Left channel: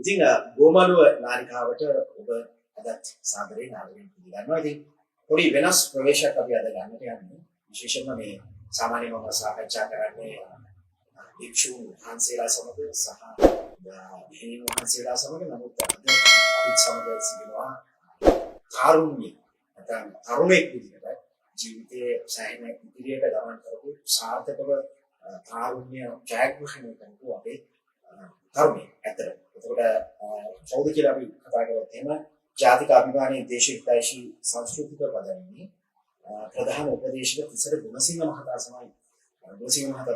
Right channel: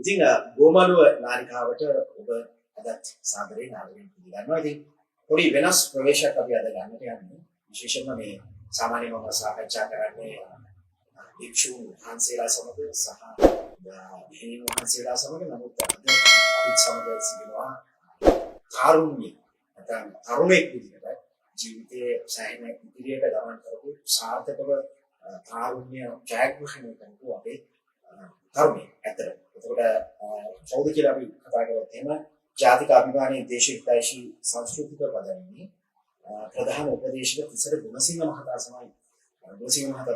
ඉතින් ගෝමලුව නාලිකාවට ඔබ අදත් සාදරයෙන් ආදරයෙන් පිළිගන්නවා. ඉතින් පොඩි වෙනස් ප්‍රවේශයක් අපි අද ගන්නට යන්නේ. විශේෂයෙන්ම මේ සාමාන්‍යව මම සාකච්ඡා කරන්නේ භික්ෂුන් වහන්සේලා සමග සහ භික්ෂුන් වහන්සේලා සමග. නමුත් අද අපිත් සමග සිටිනවා කාරුණ්‍ය නැත්නම් තරුණෙක් විදිහට ජීවිතයේ සෑහෙන ඉදිරියට ගමන් කරපු සාර්ථකව කාරුණ්‍ය ජයග්‍රහණය කරපු අපේ තරුණයෙක් ඇත්තට. එතකොට කවුද කියලා අපි කතා කරොත් එහෙම ජාතික අභිමානයේ දේශිකායිෂී සංස්කෘතික පදනමේ ප්‍රධාන උපදේශක තිසර ගුණසිංහ මහතා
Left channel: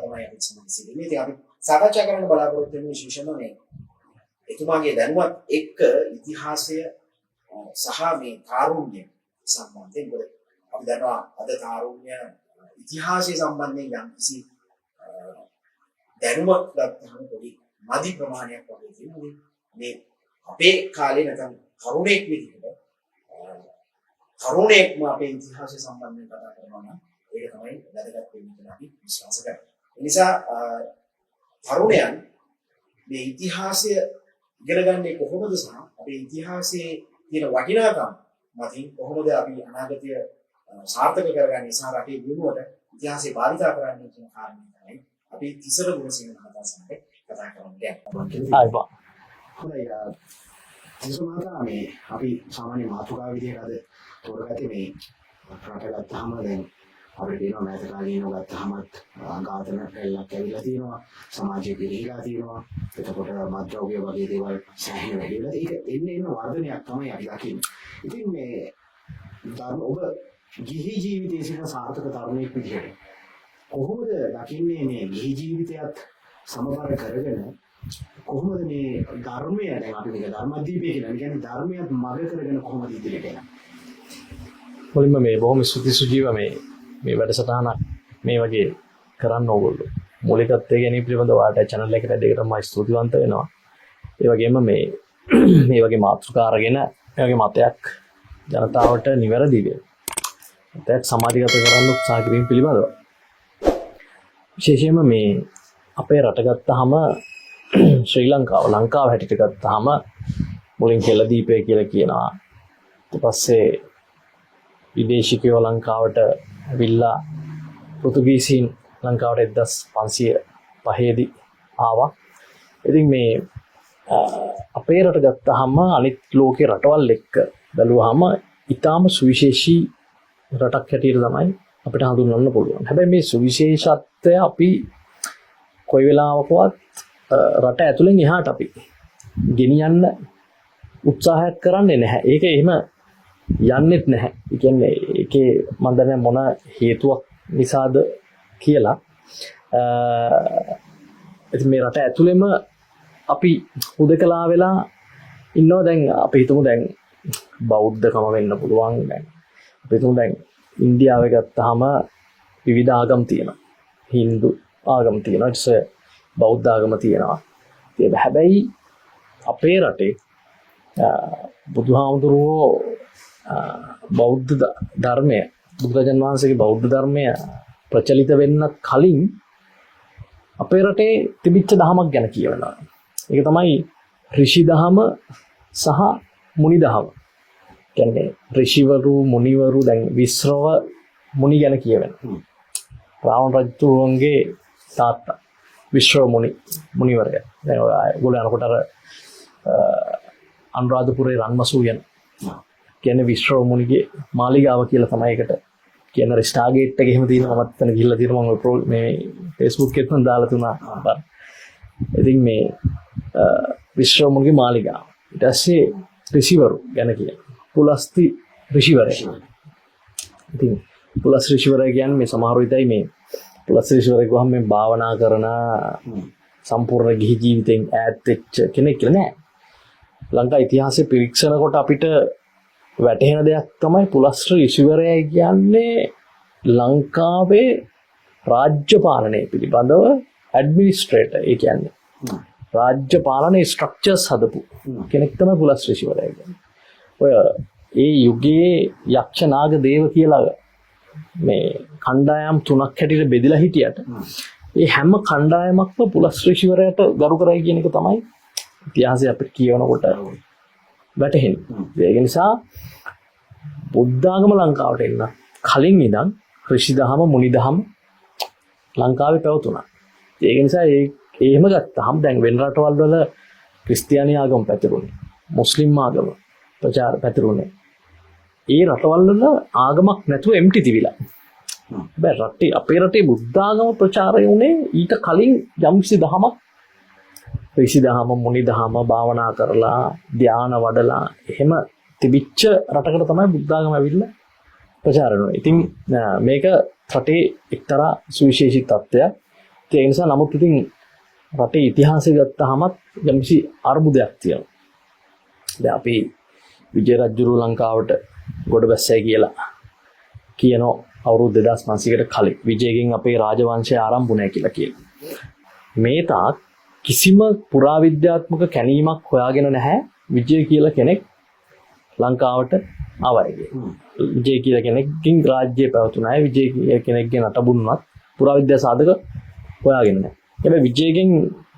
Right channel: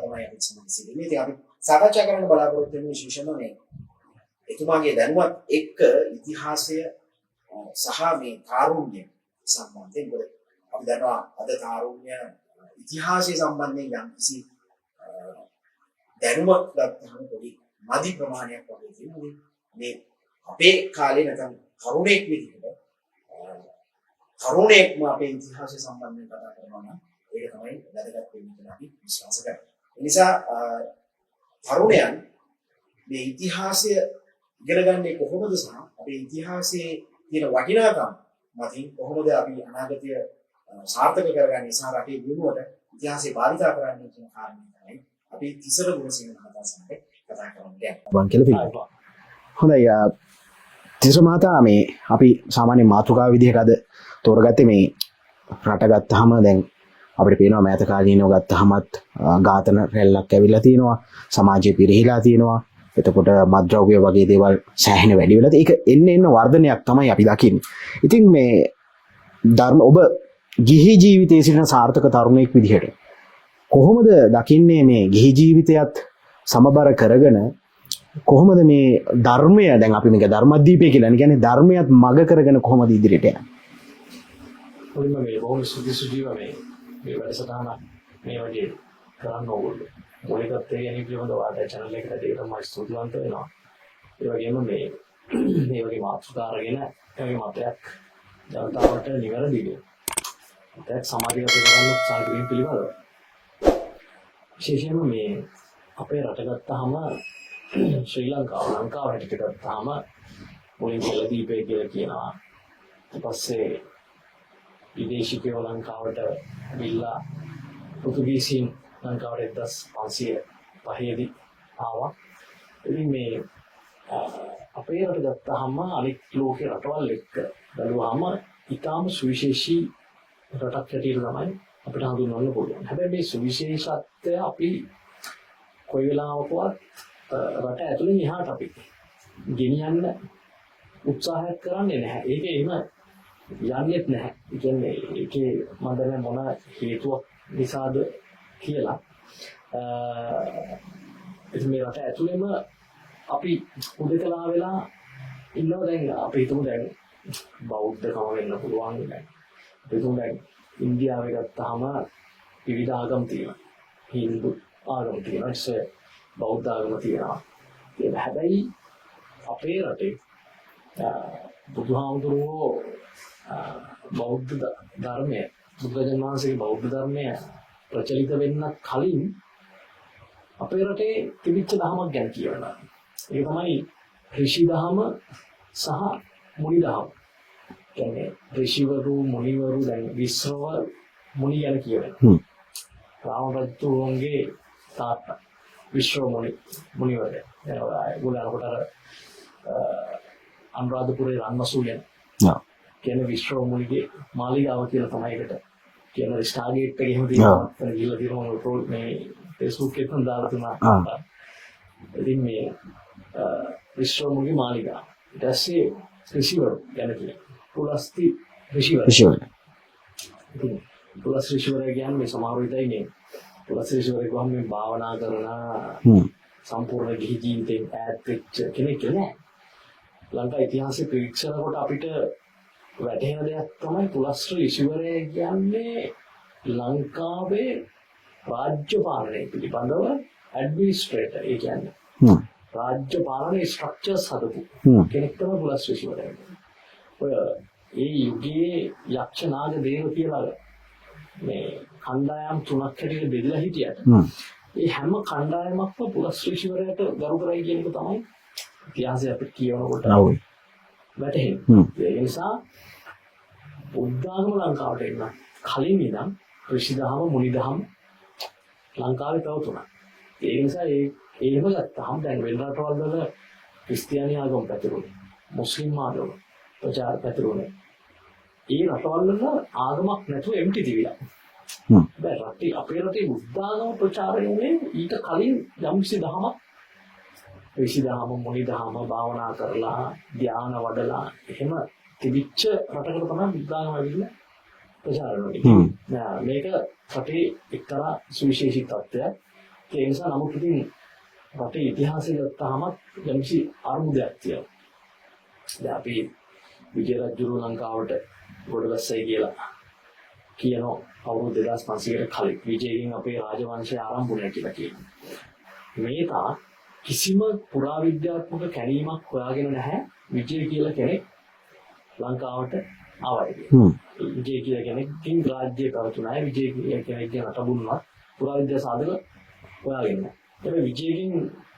තමයි අපි සමග සිටින්නේ. ඉතින් අපි සාකච්ඡා කරන්න බලාපොරොත්තු වෙන විශේෂම මේ එතුමාගේ දැනුවත් එක්ක ඉතිහාසය සහ මේ කාරුණ්‍ය සම්බන්ධයෙන්. මොකද අපි දන්නවා අද කාරුණ්‍ය ඉතිහාසය සම්බන්ධයෙන් යම්කිසි දැනුමක් ගන්නම පොඩි මදි ප්‍රමාණයක් වගේ තියෙනවා. මේ අපේ කාලේ නැත්නම් තරුණයෙක් විදිහට තරුණයෙක්ම අපේ ඉතිහාසය සම්බන්ධයෙන් කතා කරනවා නම් ඒක තමයි වැදගත් වෙන්නේ කියලා අපි විශ්වාස කරනවා. ඒ නිසා තරුණයන් මේ ඉතිහාසය ඉගෙන ගන්නේ කොහොමද සහ අපේ ඉතිහාසයේ තියෙන වටිනාකම් මතින් කොහොමද අපි අනාගතය සාර්ථක කරගන්නේ සහ රටේ දියුණුවට ඉතිහාසය භාවිතා කරන්නේ කියන කාරණේ තමයි අපි තිසර ගුණසිංහ මහතා සමග කතා කරන්නේ. හොඳයි තිසර මහතා, මේ අපි සාමාන්‍ය මාතෘකාව විදිහට අද තෝරගත්තේ මේ රට ගත්තාම දැන් අපිට පේනවා මෑත කාලීනව ගත්තාමත් ඝාතන රැල්ලක් ඇවිල්ලා තියෙනවා, සමාජය පිරිහිලා තියෙනවා. එතකොට මත්ද්‍රව්‍ය වගේ දේවල් සෑහෙන වැඩි වෙලා තියෙනවා. ඒක එන්න වර්ධනයක් තමයි අපි දකින්නේ. ඉතින් මේ ධර්ම ඔබ ගිහි ජීවිතයේ සිටින සාර්ථක තරුණයෙක් විදිහට කොහොමද දකින්නේ මේ ගිහි ජීවිතයත් සමබර කරගෙන කොහොමද මේ ධර්මය, දැන් අපි මේක ධර්මදීපය කියලා කියන්නේ ධර්මයත් මග කරගෙන කොහොමද ඉදිරියට යන්නේ? මුලින්ම මේ බොහොම ස්තුති සුජීව මේ වැඩසටහනක් මේ වගේ කරන්න ඕගොල්ලෝ මූලිකත්වයේ ගැනීම පිළිබඳව වාට channel එකට දෙකටම ස්තුතිවන්ත වෙනවා. ඒ වගේම මේ වගේ මාතෘකා අරගෙන මේ වගේ මතයක් ජනතාවට නිවැරදිව මතයක් සමාජගත කරන්න උත්සාහ කිරීම පිළිබඳව විශේෂයෙන්ම මේ අපේ රට ගත්තාම ශ්‍රී ලංකාව හැටියට ගත්තාම මුලින් කෙළදීපය කියලා කියනවා. ඊට පස්සේ විදේශිකයෝ ලංකාවට ඇවිල්ලා පෘතුගීසීන් ලංකාවට 1505 දී ආවා. ඉතින් මේ අපේ රට ගත්තාම අනිත් ලෝකේ රටවල් එක්ක බැලුවාම ඊටාම සුවිශේෂී රටක් හැටියට තමයි අපිට හඳුන්වන්න පුළුවන්. හැබැයි මේ සුවිශේෂත්වය අපි කොයි වෙලාවකවත් රට ඇතුලෙන් එහාට අපි ගෙනියන්න උත්සාහයක් කරන්නේ නැහැ. ඒක එහෙම යන්නෙත් නැහැ. ඒ කියන්නේ ඒකේ මම දන්නේ මොන හේතුවක් නිසාද කියලා. ඉතින් මේ රට ඇතුළෙම අපි හුදකලා වෙලා ඉන්නවා. දැන් අපි හිතමු දැන් බෞද්ධකම වෙන්න පුළුවන්. දැන් අපි හිතමු දැන් ඉන්දියාවේ ගත්තාම විවිධ ආගම් තියෙනවා. හින්දු ආගම් තියෙනවා, ඊට බෞද්ධ ආගම තියෙනවා. ඒක හැබැයි අපේ රටේ බුදුහාමුදුරුවෝ බෞද්ධ ධර්මය, බුදුරජාණන් වහන්සේගේ බෞද්ධ ධර්මය ප්‍රචලිත වෙන්නත් කලින් අපේ රටේ තිබිච්ච දහමක් ගැන කියවෙනවා. ඒක තමයි ඍෂි දහම සහ මුනි දහම. කියන්නේ ඍෂිවරු, මුනිවරු, දැන් විශ්‍රව මුනි ගැන කියවෙනවා. රාවණ රජතුමන්ගේ තාත්තා විශ්‍රව මුනිවරයා. දැන් ඔයගොල්ලෝ අරකට අර අනුරාධපුරේ රන්මසූ යන කියන්නේ විශ්‍රව මුනිගේ මාලිගාව කියලා තමයි ඒකට කියන ස්ටාර්ගේට් එක එහෙම තියෙනවා. මත්තන ගිහිල්ලා තියෙනවා මම මේ Facebook එකෙන් දාලා තුනා. ඉතින් මේ විශ්‍රව මුනිගේ මාලිගාව. ඊට පස්සේ ඍෂිවරු ගැන කියන්නේ පුලස්ති ඍෂිවරු. ඉතින් පුලස් ඍෂිවරු කියන්නේ මේ සමහර විටයි මේ පුලස් ඍෂිවරු ගොහම මේ භාවනා කරන සම්පූර්ණ ගිහි ජීවිතෙන් ඈත් වෙච්ච කෙනෙක් නෑ. ලංකා ඉතිහාසයේ පිරික්සනකොට අපිට වැටහෙන දෙයක් තමයි පුලස් ඍෂිවරයා කියන්නේ ලංකාවේ රාජ්‍ය පාලනය පිළිබඳව ඇඩ්මිනිස්ට්‍රේටර්. ඒ කියන්නේ රාජ්‍ය පාලනයේ ස්ට්‍රක්චර්ස් හදපු කෙනෙක් තමයි පුලස් ඍෂිවරයා කියන්නේ. ඔය ඒ යුගයේ යක්ෂ නාග දේව කියලා මේ කණ්ඩායම් තුනක් හැටියට බෙදලා හිටියට ඒ හැම කණ්ඩායමක්ම පුලස් ඍෂිවරයාට ගරු කරයි කියන එක තමයි ඉතිහාසය අපිට කියවනකොට වැටහෙනවා. ඒක නිසා බුද්ධාගම ලංකාවට එන්න කලින් ඉඳන් ඍෂි දහම මුනි දහම ලංකාවේ පැවතුණා. ඒක නිසා එහෙම ගත්තාම දැන් වෙන රටවල් වල ක්‍රිස්තියානි ආගම පැතිරුණේ, මුස්ලිම් ආගම ප්‍රචාර පැතිරුණේ. ඒ රටවල් වල ආගමක් නැතුව එම්ටි තිබිලා. බෑ රටේ අපේ රටේ බුද්ධාගම ප්‍රචාරය වුණේ ඊට කලින් යම්කිසි දහමක් ඍෂි දහම මුනි දහම භාවනා කරලා ධාන වඩලා එහෙම තිබිච්ච රටකට තමයි බුද්ධාගම ඇවිල්ලා ප්‍රචාරය වුණේ. ඉතින් මේක රටේ එක්තරා සුවිශේෂී තත්ත්වයක්. ඒ නිසා නමුත් ඉතින් රටේ ඉතිහාසය ගත්තාමත් යම්කිසි අර්බුදයක් තියෙනවා. දැන් අපි විජය රජුරු ලංකාවට ගොඩ බැස්සයි කියලා කියනවා අවුරුදු 2500කට කලින් විජයගෙන් අපේ රාජවංශය ආරම්භ වුණා කියලා කියනවා. මේ තාක් කිසිම පුරාවිද්‍යාත්මක කැණීමක් හොයාගෙන නැහැ විජය කියලා කෙනෙක් ලංකාවට ආවයි. විජය කියලා කෙනෙක්ගෙන් රාජ්‍යය පැවතුණා. විජය කියලා කෙනෙක්ගේ නටබුන්වත් පුරාවිද්‍යා සාධක හොයාගෙන නැහැ. හැබැයි විජයගෙන්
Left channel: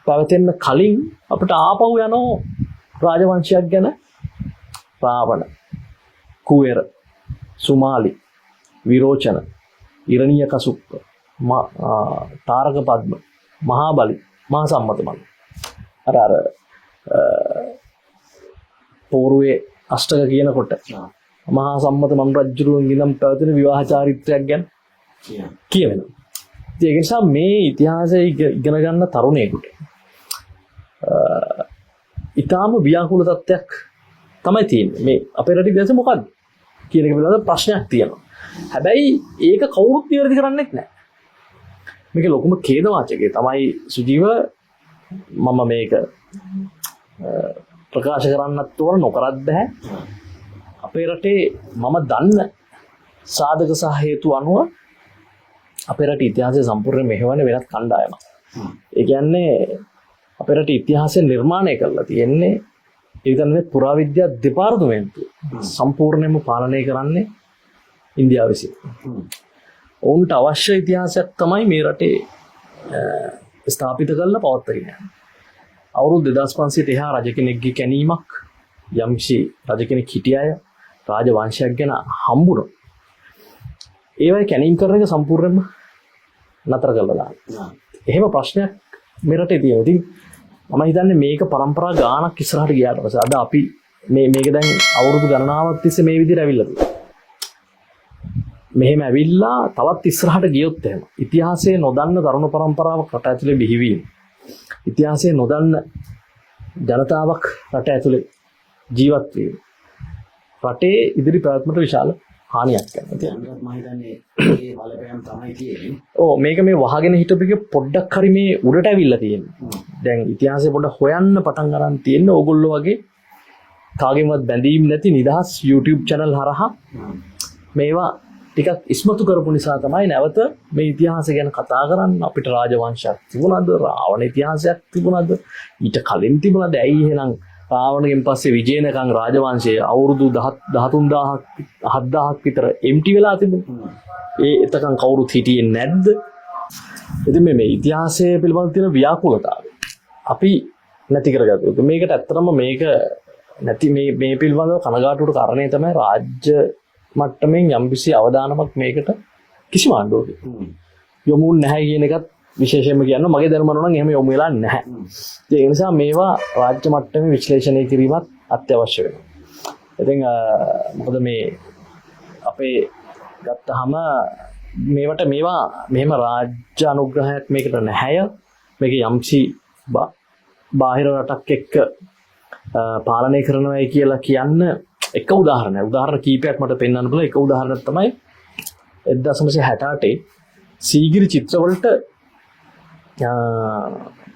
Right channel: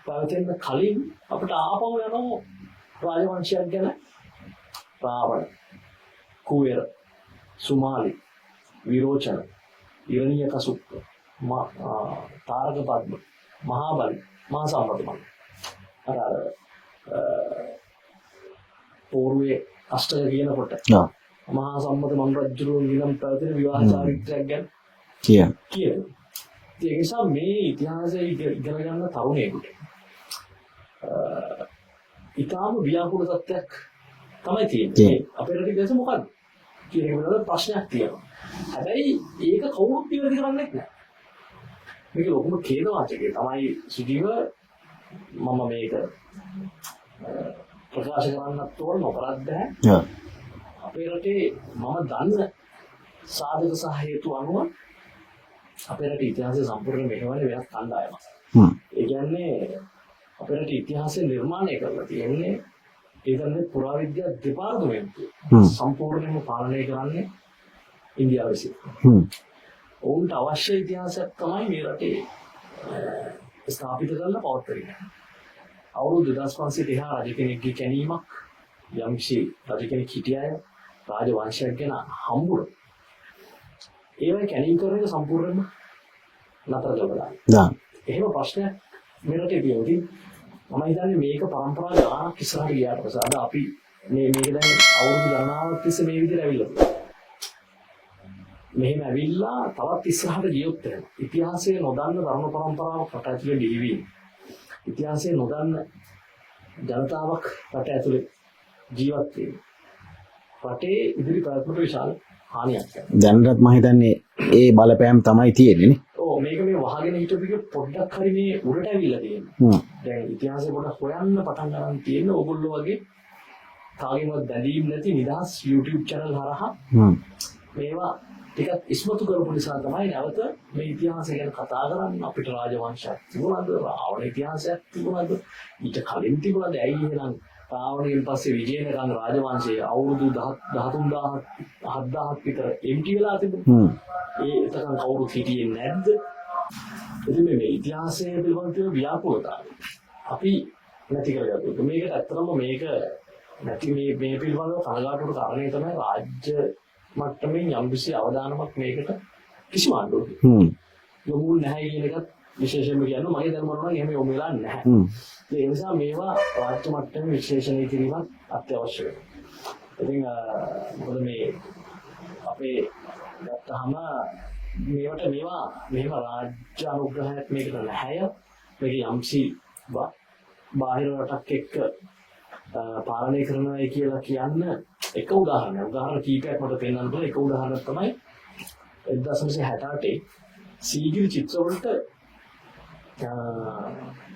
පැවතෙන්න කලින් අපිට ආපහු යනෝ රාජවංශයක් ගැන රාවණ, කුවේර, සුමාලි, විරෝචන, ඉරණීය කසුප්ප, තාරක පද්ම, මහාබලි, මහා සම්මත මල්ල. අර පෝරුවේ අෂ්ටක කියනකොට මහා සම්මත මම් රජුරුවන්ගේ නම් පැවතුණු විවාහ චාරිත්‍රයක් ගැන කියවෙනවා. ඒක නිසා මේ ඉතිහාසය ඉගෙන ගන්න තරුණයෙකුට ඊටාම ව්‍යාකූල තත්ත්වයක් තමයි තියෙන්නේ. මේ අපේ රටේ ඉතිහාසය මොකක්ද කියන එක පිළිබඳව ප්‍රශ්නයක් තියෙනවා. හැබැයි ඒක කවුරුත් නිවැරදි කරන්නේ නැහැ. මේක ලොකුම ඛේදවාචකය තමයි සුජීව මම මේක ප්‍රකාශ කරන්නත් ඕන නොකරත් බෑ. අපේ රටේ මම දන්න සාධක සහ හේතු අනුව අපේ රටේ ඉතිහාසය සම්පූර්ණ මෙහෙවන වෙනත් කණ්ඩායමක්. ඒ කියන්නේ අපේ රටේ ඉතිහාසය නිර්මාණය කරලා තියෙන්නේ ඒකනේ පුරාවිද්‍යා දෙපාර්තමේන්තුව සම්පූර්ණයෙන්ම පාලනය කරන්නේ ඉන්දියාව විසින්. ඔවුන්ට අවශ්‍ය ඉතිහාසයක් තමයි මේ රටේ ස්ථාපිත කරලා පවත්වාගෙන යන්නේ. අවුරුදු 2500ට එහා රජ කෙනෙක්ගේ කැණීමක් යම්කිසි රජ කෙනෙක් හිටිය අය රාජවංශයක් ගැන හම්බුනොත් ඒවයි කැණීම් කරන එක සම්පූර්ණයෙන්ම නතර කරලා දාන්න. එහෙම ප්‍රශ්නයක් මේ රටේ තියෙනවා. ඉතින් මම හිතන්නේ මේක પરම්පරා ගානක් ඉස්සරහට ගියාට පස්සේ අද අපි මේක දැන් අවුරුදු ගණනාවක් තිස්සේ මේ විදිහට ඇවිල්ලා තියෙනවා. මෙහෙම ඇවිල්ලා තවත් ඉස්සරහට ගියොත් එහෙම ඉතිහාසයේ නොදන්න තරුණ પરම්පරාවක් රට ඇතුලේ බිහිවීම, ඉතිහාසයේ නොදන්න ජනතාවක් රට ඇතුලේ ජීවත් වීම රටේ ඉදිරි පැවැත්මට විශාල හානියක් කරනවා. දැනටත් මම හිතන්නේ ඒ බලපෑම් තමයි තියෙන්නේ නේ. ඔව් මේක මේ වහගෙන හිටපු එක පොඩ්ඩක් හරි මේ උඩට ඇවිල්ලා තියෙනවා. දැන් ඉතිහාසය පොඩ්ඩක් හොයන්න පටන් ගන්න තියෙන ඕගොල්ලෝ වගේ කාගෙන්වත් බැඳීම් නැති නිදහස් YouTube channel හරහා මේවා ටිකක් ඉස්මතු කරපු නිසා තමයි නැවත මේ ඉතිහාසය ගැන කතා කරන්න. අපිට රාජවංශයක් තිබුණාද? රාවණ ඉතිහාසයක් තිබුණාද? ඊට කලින් තිබුණාද? ඇයි එහෙනම් රාවණගෙන් පස්සේ විජයනකම් රාජවංශයේ අවුරුදු 13000ක් 7000ක් විතර එම්ටි වෙලා තිබුණා. එතකන් කවුරුත් හිටියේ නැද්ද? ඉතින් මේ ඉතිහාසය පිළිබඳ තියෙන ව්‍යාකූලතාවය අපි නැති කරගත්තා. මේකට ඇත්තටම මේක නැති මේ පිළිබඳව කනගාටුවට කාරණේ තමයි රාජ්‍ය මට්ටමින් යම්කිසි අවදානමක් මේකට කිසිම ආණ්ඩුවක යොමු නැහැ කියන එකත් විශේෂයෙන්ම කියන්න මගේ දැනුම නම් එහෙම යොමු වෙලා නැහැ. ඒ නිසා මේවා රාජ්‍ය මට්ටමේ විශ්ලේෂණය කිරීමත් අත්‍යවශ්‍ය වෙනවා. ඉතින් මොකද මේ අපේ ගත්තාම මේවට මේවා මෙහෙම රාජ්‍ය අනුග්‍රහයක් මේකට නැහැය. මේක යම්සි බාහිර රටක් එක්ක පාලනය කරනවායි කියලා කියන්න එක උදාහරණයක්. උදාහරණ කීපයක් මට පෙන්වන්න පුළුවන්. එක උදාහරණයක් තමයි 1968 සීගිරි චිත්‍රවලට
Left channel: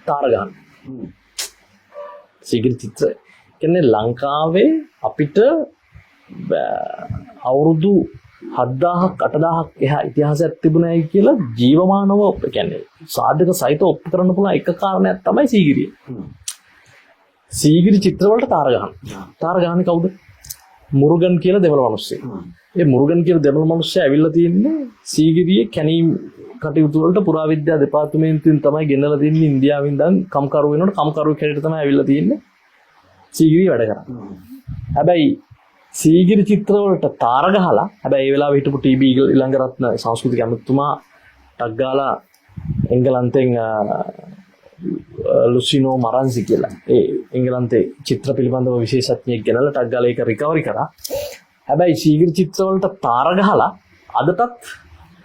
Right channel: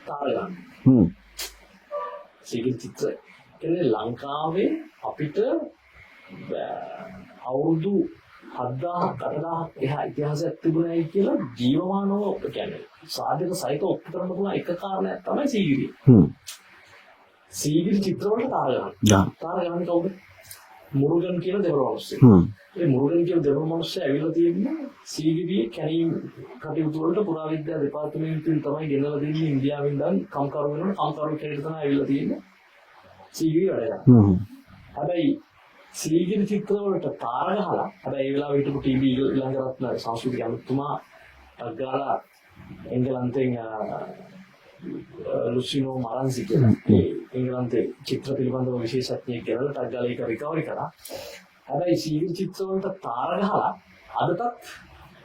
තාර ගන්න. සීගිරි චිත්‍ර කියන්නේ ලංකාවේ අපිට අවුරුදු 7000ක් 8000ක් එහා ඉතිහාසයක් තිබුණායි කියලා ජීවමානව කියන්නේ සාධක සහිත ඔප්පු කරන්න පුළුවන් එක කාරණයක් තමයි සීගිරිය. සීගිරි චිත්‍රවලට තාර ගන්න. තාර ගන්නේ කවුද? මුරුගන් කියලා දෙමළ මිනිස්සෙක්. ඒ මුරුගන් කියලා දෙමළ මිනිස්සයා ඇවිල්ලා තියෙන්නේ සීගිරියේ කැණීම් කටයුතු වලට පුරාවිද්‍යා දෙපාර්තමේන්තුවෙන් තමයි ගෙනලා දෙන්නේ ඉන්දියාවෙන් ඉඳන් කම්කරු වෙනකොට කම්කරු කෙනෙක් තමයි ඇවිල්ලා තියෙන්නේ සීගිරි වැඩ කරා. හැබැයි සීගිරි චිත්‍රවලට තාර ගහලා හැබැයි ඒ වෙලාවේ හිටපු ටීබී ඊළඟරත්න සංස්කෘතික අමාත්‍යතුමා ටක් ගාලා එංගලන්තෙන් ලුසිනෝ මරන්සි කියලා ඒ එංගලන්තේ චිත්‍ර පිළිබඳව විශේෂඥයෙක් ගෙනල්ලා ටක් ගාලා ඒක රිකවරි කරා. හැබැයි සීගිරි චිත්‍රවලට තාර ගහලා අදටත්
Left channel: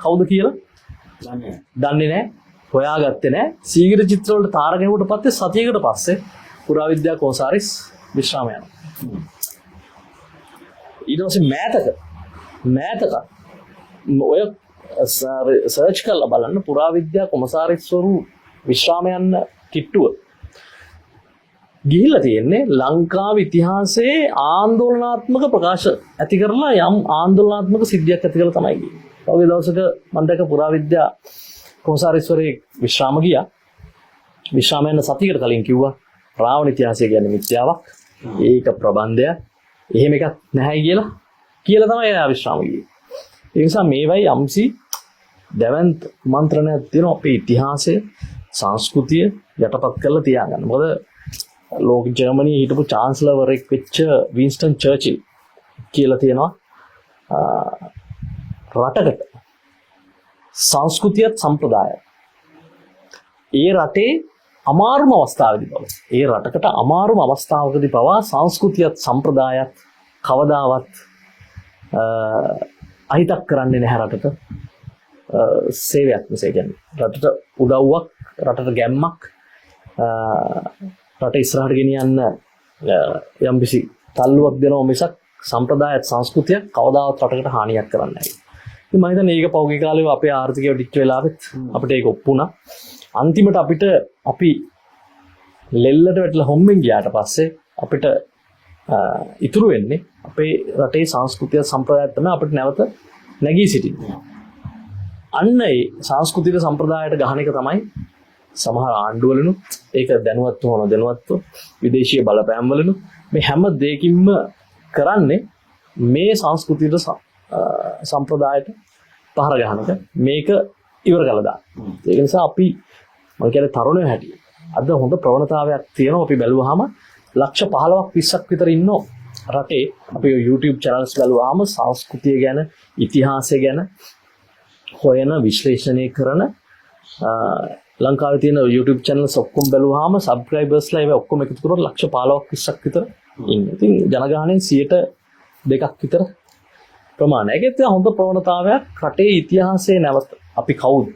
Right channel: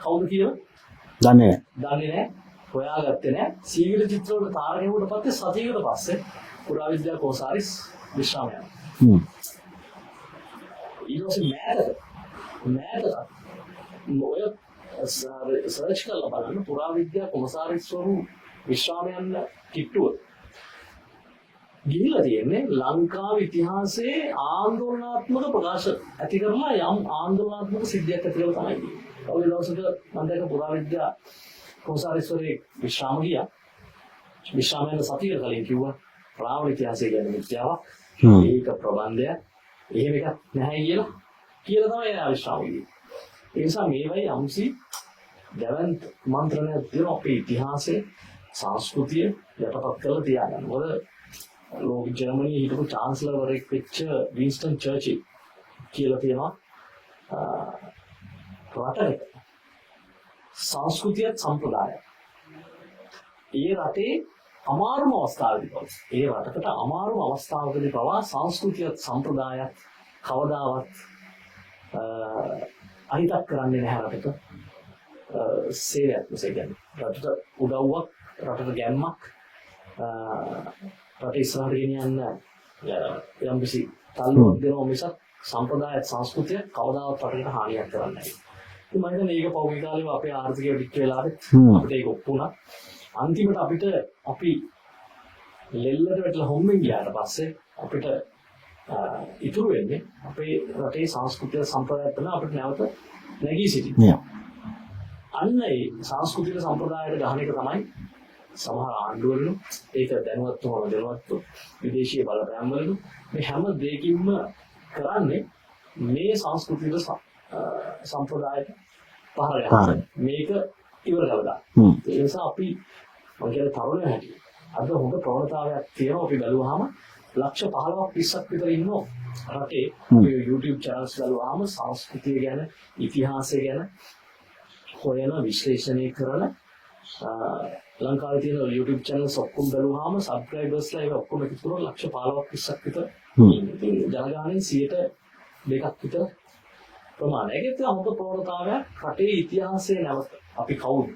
කවුද කියලා දන්නේ නැහැ. හොයාගත්තේ නැහැ. සීගිරි චිත්‍රවලට තාර ගැහුවට පස්සේ සතියකට පස්සේ පුරාවිද්‍යා කොන්සාරිස් විශ්‍රාම යනවා. ඊට පස්සේ මෑතක ඔය සර්ච් කරලා බලන්න පුරාවිද්‍යා කොමසාරිස්වරු විශ්‍රාම යන්න කිට්ටුව ගිහිල්ලා තියෙන්නේ ලංකාවේ ඉතිහාසයේ ආందోලනාත්මක ප්‍රකාශ ඇති කරලා යම් ආందోලනාත්මක සිද්ධියක් ඇති කරලා තමයි ගියේ. ඔය දවසක මම දැක්ක පුරාවිද්‍යා කොමසාරිස්වරේ විශ්‍රාම ගියා. විශ්‍රාම යන සතියකට කලින් කිව්වා රාවණ ඉතිහාසය කියන්නේ මිත්‍යාවක්. ඒක ප්‍රබන්ධයක්. එහෙම එකක් නැහැ කියලා තමයි එයා විශ්‍රාම ගියේ. ඒ නිසා මේවයි යම්සි දැවන්ත මන්ත්‍රණයක් තියෙනවා අපේ ඉතිහාසය සංස්කෘතිය යටපත් කරලා තියාගන්න. මොකද ලෝක ජර්මනියේ හිටපු චාන්සලර්වරෙක් වෙච්ච වින්ස්ටන් චර්චිල් කියලා තියෙනවා රටකට සංස්කෘතියත් සම්ප්‍රදායත් ඒ රටේ අමාරුම අවස්ථාවේදී බව. ඒ රටකට අමාරුම අවස්ථාවකදී පවා සංස්කෘතියත් සම්ප්‍රදායත් කවදාවත් අහිතක් කරන්නේ නැහැ රටට. සේවයක් මිස කියන්නේ රටට උදව්වක්, රටට ගැම්මක්, රට ඉස්සරහට ගෙනියන්න යම්කිසි තල්ලුවක් දෙනවා මිසක් සම්ප්‍රදායත් සංස්කෘතියක් කවදාවත් රටකට හානියක් කරන්නේ නැහැ. ඉතින් මම හිතන්නේ මේක පෞද්ගලික කාලේ අපේ ආර්ථිකය ඩික්ට් වෙලාවෙත් අපිට ඒක ඔප්පු වුණා. අන්තිමට අපි ලෙල්ලට වැටලා හොම්බෙන් ගියාට පස්සේ අපිට ඉතුරු වෙන්නේ අපේ රටේ සංස්කෘතිය සම්ප්‍රදාය තමයි අපිට නැවත නැගී සිටින්නේ. අන්න ඒ සංස්කෘතික සම්ප්‍රදායට ගහන එක තමයි සමහර ආණ්ඩුවලුත් ඒක දැනුවත්ව හොන දැනුවත්ව විදේශීය බලපෑම් වලුත් මේ හැම දෙයකින්ම කරන්නේ මේ සංස්කෘතික සම්ප්‍රදායට පහර ගහන්න මේක ඉවර කළා දාන්න. ඒක නිසා අපි මම කියන්නේ තරුණයෝ හැටියට අද හොඳ ප්‍රවණතාවයක් තියෙනවා. අපි බැලුවාම ලක්ෂ 15ක් 20ක් විතර ඉන්නෝ රටේ. අපි YouTube channels බලුවාම සංස්කෘතිය ගැන ඉතිහාසය ගැන හොයන විශ්ලේෂණය කරන ලංකාවේ තියෙන YouTube channels ඔක්කොම බැලුවාම subscribersලා ඒවා ඔක්කොම එකතු කරලා ලක්ෂ 15ක් 20ක් විතර ඉන්නේ. ඉතින් ජනගහනයෙන් 2% විතර ප්‍රමාණයක්. ඒකත් හොඳ ප්‍රවණතාවයක්. රටේ ඉතිහාසයේ නැවත අපි කවුද?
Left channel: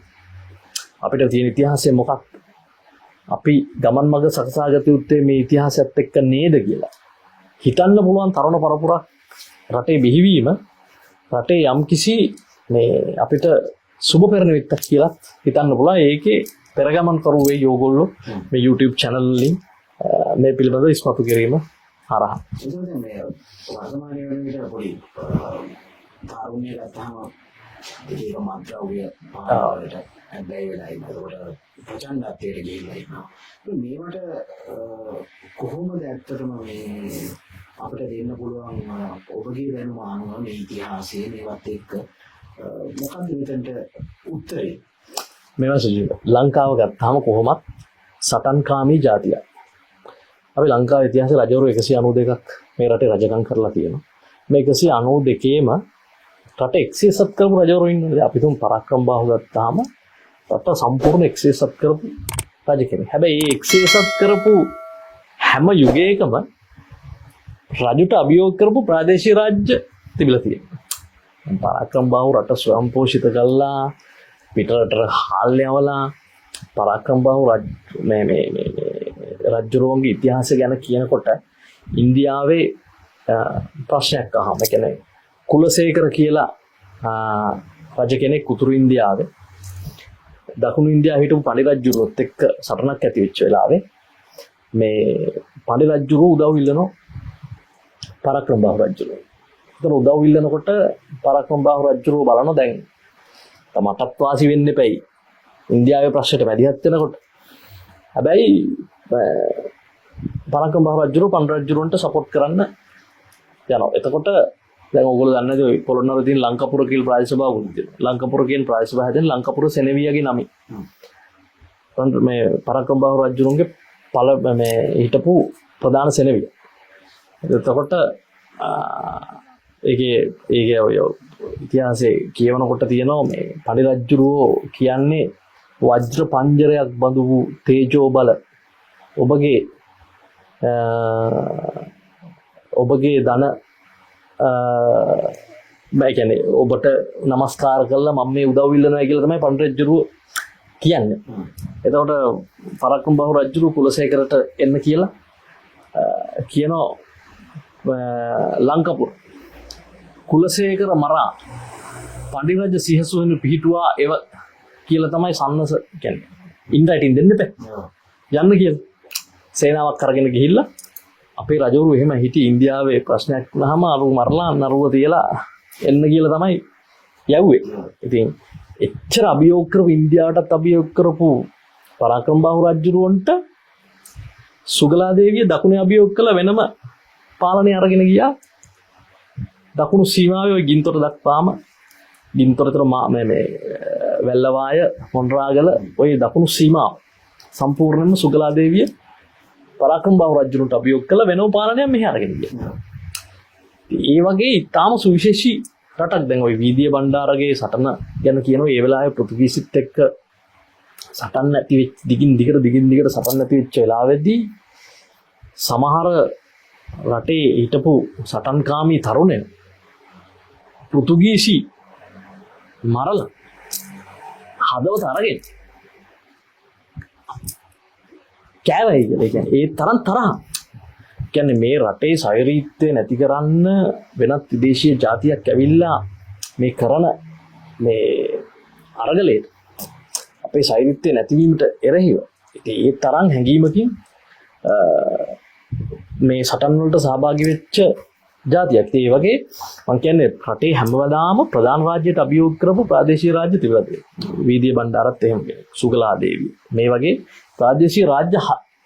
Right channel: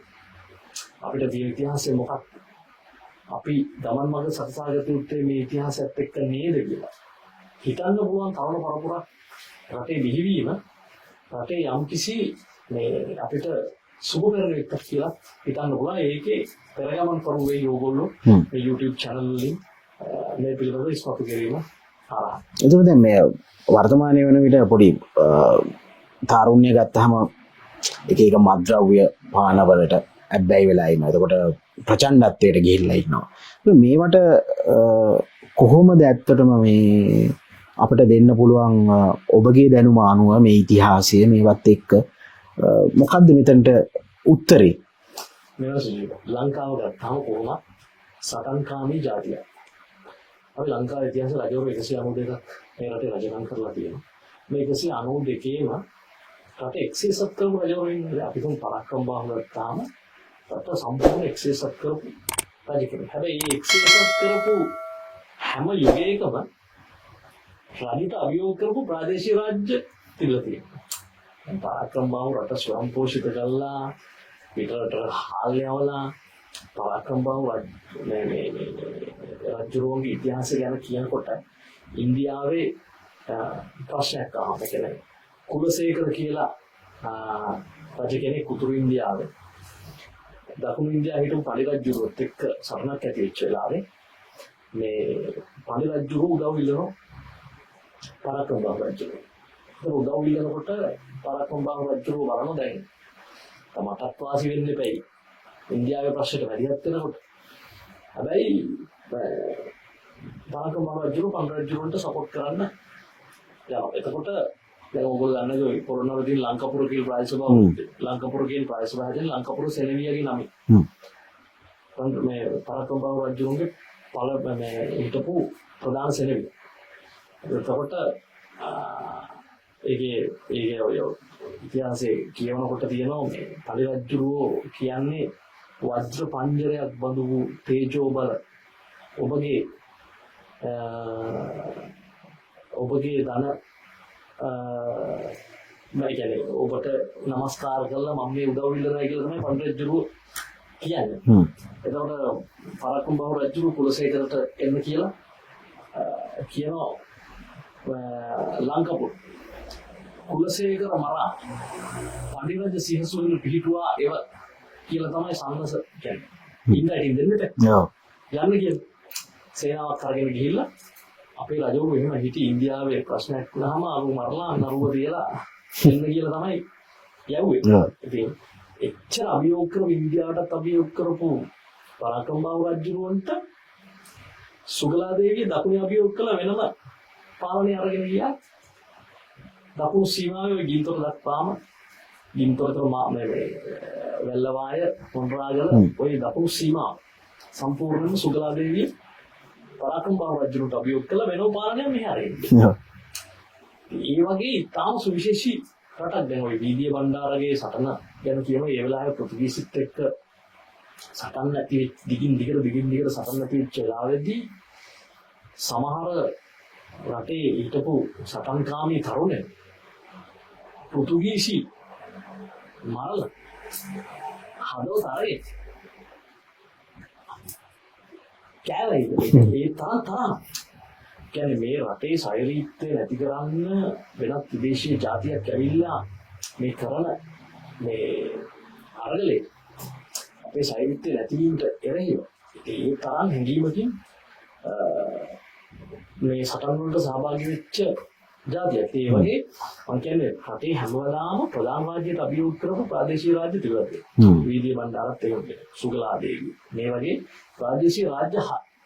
අපිට තියෙන ඉතිහාසය මොකක්ද? අපි ගමන් මඟ සකසාගත යුත්තේ මේ ඉතිහාසයත් එක්ක නේද කියලා හිතන්න පුළුවන් තරුණ පරපුරක් රටේ බිහිවීම රටේ යම්කිසි මේ අපිට සුබ පෙරණිවිත්තක් කියලා හිතන්න පුළුවන්. ඒකේ පෙරගමන් කරුවේ යෝගොල්ලෝ මේ YouTube channel වලින් මේ පිළිබඳව ඉස්මතු කිරීම හරහා. එතකොට දැන් මේ වර්තමානයේ වෙන විට පොඩි තාරුණ්‍ය ගත්තාම එක මත්ද්‍රව්‍ය පාන වලට ඇබ්බැහි වෙලා ඉන්නවා. එතකොට ප්‍රචණ්ඩත්වයට ගිහිල්ලා ඉන්නවා. මේවට කොහොමද ඇත්තටම මේ අපිට දෙන්න පුළුවන් ඔබගේ දැනුම අනුව මේ ඉතිහාසය මේවත් එක්ක මොකද්ද මෙතනට උත්තරේ? මේවා සජීව ලංකාව ගත්තාම කොහොමත් සටන්කාමී ජාතියක්. අපි ලංකාවේ ඉතිහාසයේ රජවරු 192ක් මේ රටේ රජකම් කරලා තියෙනවා. මේ 192ේම රට එක්සේසත් කරපු රජවරු ඉන්නවා. අපි තුන් පරාක්‍රම බාහු ගත්තාම රට සම්පූර්ණ එක්සේසත් කරපු රජ කෙනෙක්. හැබැයි මේ එක්සේසත් කරපු හැම යුගයකම රජුට අභියෝග කරපු ප්‍රාදේශීය රාජ්‍ය තිබිලා තියෙනවා. පරාක්‍රම බාහු රට ස්වයං පෝෂිත කළා, පිටරට හාල් යවලා පරාක්‍රම බාහු මේ රජුරුවන්ගේ ඉතිහාසය ගැන කියනකොට ඉන්දියාවේ ප්‍රශ්නයක් අහම කියන්නේ කුලසේකර කියලා රජ කෙනෙක් උතුරු ඉන්දියාවේ දකුණු ඉන්දියාවේ හිටපු පඬි රජුරුවත් එක්ක සටනක් ඇති වෙච්ච වෙලාවේ මේ පඬි රජුරුව උදව් ඉල්ලනවා පරාක්‍රම බාහු රජුරුව. ඒතන උදව් ඉල්ලනකොට පරාක්‍රම බාහු රජුරුව බලනවා දැන් තමටත් වාසි වෙන්න එපයි ඉන්දියාවේ ප්‍රශ්නයට වැඩිහත් වෙනකොට. හැබැයි පරාක්‍රම බාහු රජුරුව පඬි රජුරුවන්ට සපෝට් කරන්න යනවා. එතකොට දැන් ඕගොල්ලෝ දන්නද ඔය පොළොන්නරුවේ තියෙන ලංකාපුර කියලා ප්‍රාදේශ සභාව උන්ති. ලංකාපුර කියන ප්‍රාදේශ සභාව හැදෙන ලංකාපුර සෙනෙවියගේ නමින්. මේ පරාක්‍රම බාහු රජුරුවන්ගේ මේ හිටපු ප්‍රධාන සෙනෙවිය. එතකොට ඒකේ ඔය ඉතිහාසයේ කියවනකොට තියෙනවා මේ පඬි රජුරෝ කියන්නේ වජ්‍ර පංජරයක් බඳු වූ තේජෝ බල ඔබගේ ධන මම කියන්නේ ඔබට নমස්කාර කරලා මම මේ උදව් ඉල්ලනවා කියලා තමයි පඬි රජුරෝ කියන්නේ. එතකොට පරාක්‍රම බහු රජුරෝ කුලසේකරට එන්න කියලා කියනවා ලංකපුර කුලසේකර මරා පඬි රජ සිහසුවෙන් පිහිටුවා එව කියලා තමයි සන්නස කියන්නේ. ඉන්රයිටින් දෙන්න එපා. යන්න කියලා. සේනාවක් අරගෙන ගිහිල්ලා අපේ රජවරු එහෙම හිටි ඉන්දියාවේ ප්‍රශ්නයක් වුණාම අරු මරලා නරුව තියලා එන්න කියලා තමයි යව්වේ. ඉතින් එච්චර අභියෝග කරපු ඉන්දියාවටත් අභියෝග කරපු පරාක්‍රම බහු රජුරවන්ට සුගලා දේවිය දකුණේ අභියෝග කළ වෙනම පාලනය අරගෙන ගියා. දකුණු සීමාවේ ගින්තොට දක්වාම ගින්තොටතර මේ වැල්ලවාය මොණරාගල ওই දකුණු සීමාව සම්පූර්ණයෙන්ම සුගලා දේවිය පරාක්‍රම බහු රජුන්ට අභියෝග කළ වෙනම පාලනයක් මෙහි අරගෙන ගියා. ඒ වගේ ඊටාම සුවිශේෂී රටක්. දැන් ওই වීදිය බණ්ඩාරගේ සටන ගැන කියනවා ඒ වෙලාවේ පෘතුගීසිත් එක්ක සටන් නැති වෙච්ච දිගින් දිගට සටන් නැති වෙච්ච වෙලාවෙදී සමහර රටේ හිටපු සටන්කාමී තරුණයන් පෘතුගීසි මරලා හදවත අරගෙන කෑවයි කියලා. ඒ තරම් තරහ. කියන්නේ මේ රටේ සෛරීත්වය නැති කරන්න වෙනත් විදේශීය ජාතියක් ඇවිල්ලා මේ කරන මේ අරගලේ අපේ සෛරීත්වය නැතිවීමට එරෙහිව ඉතින් ඒ තරම් හැඟීමකින් මේ සටන් වලට සහභාගී වෙච්ච ජාතියක්. ඒ වගේ මම කියන්නේ රටේ හැමදාම ප්‍රධාන රාජ්‍යයට අභියෝග කරපු ප්‍රාදේශීය රාජ්‍ය තිබුණා. වීදිය බණ්ඩාරත් එහෙම සුගලා දේවිය මේ වගේ ප්‍රාදේශීය රාජ්‍ය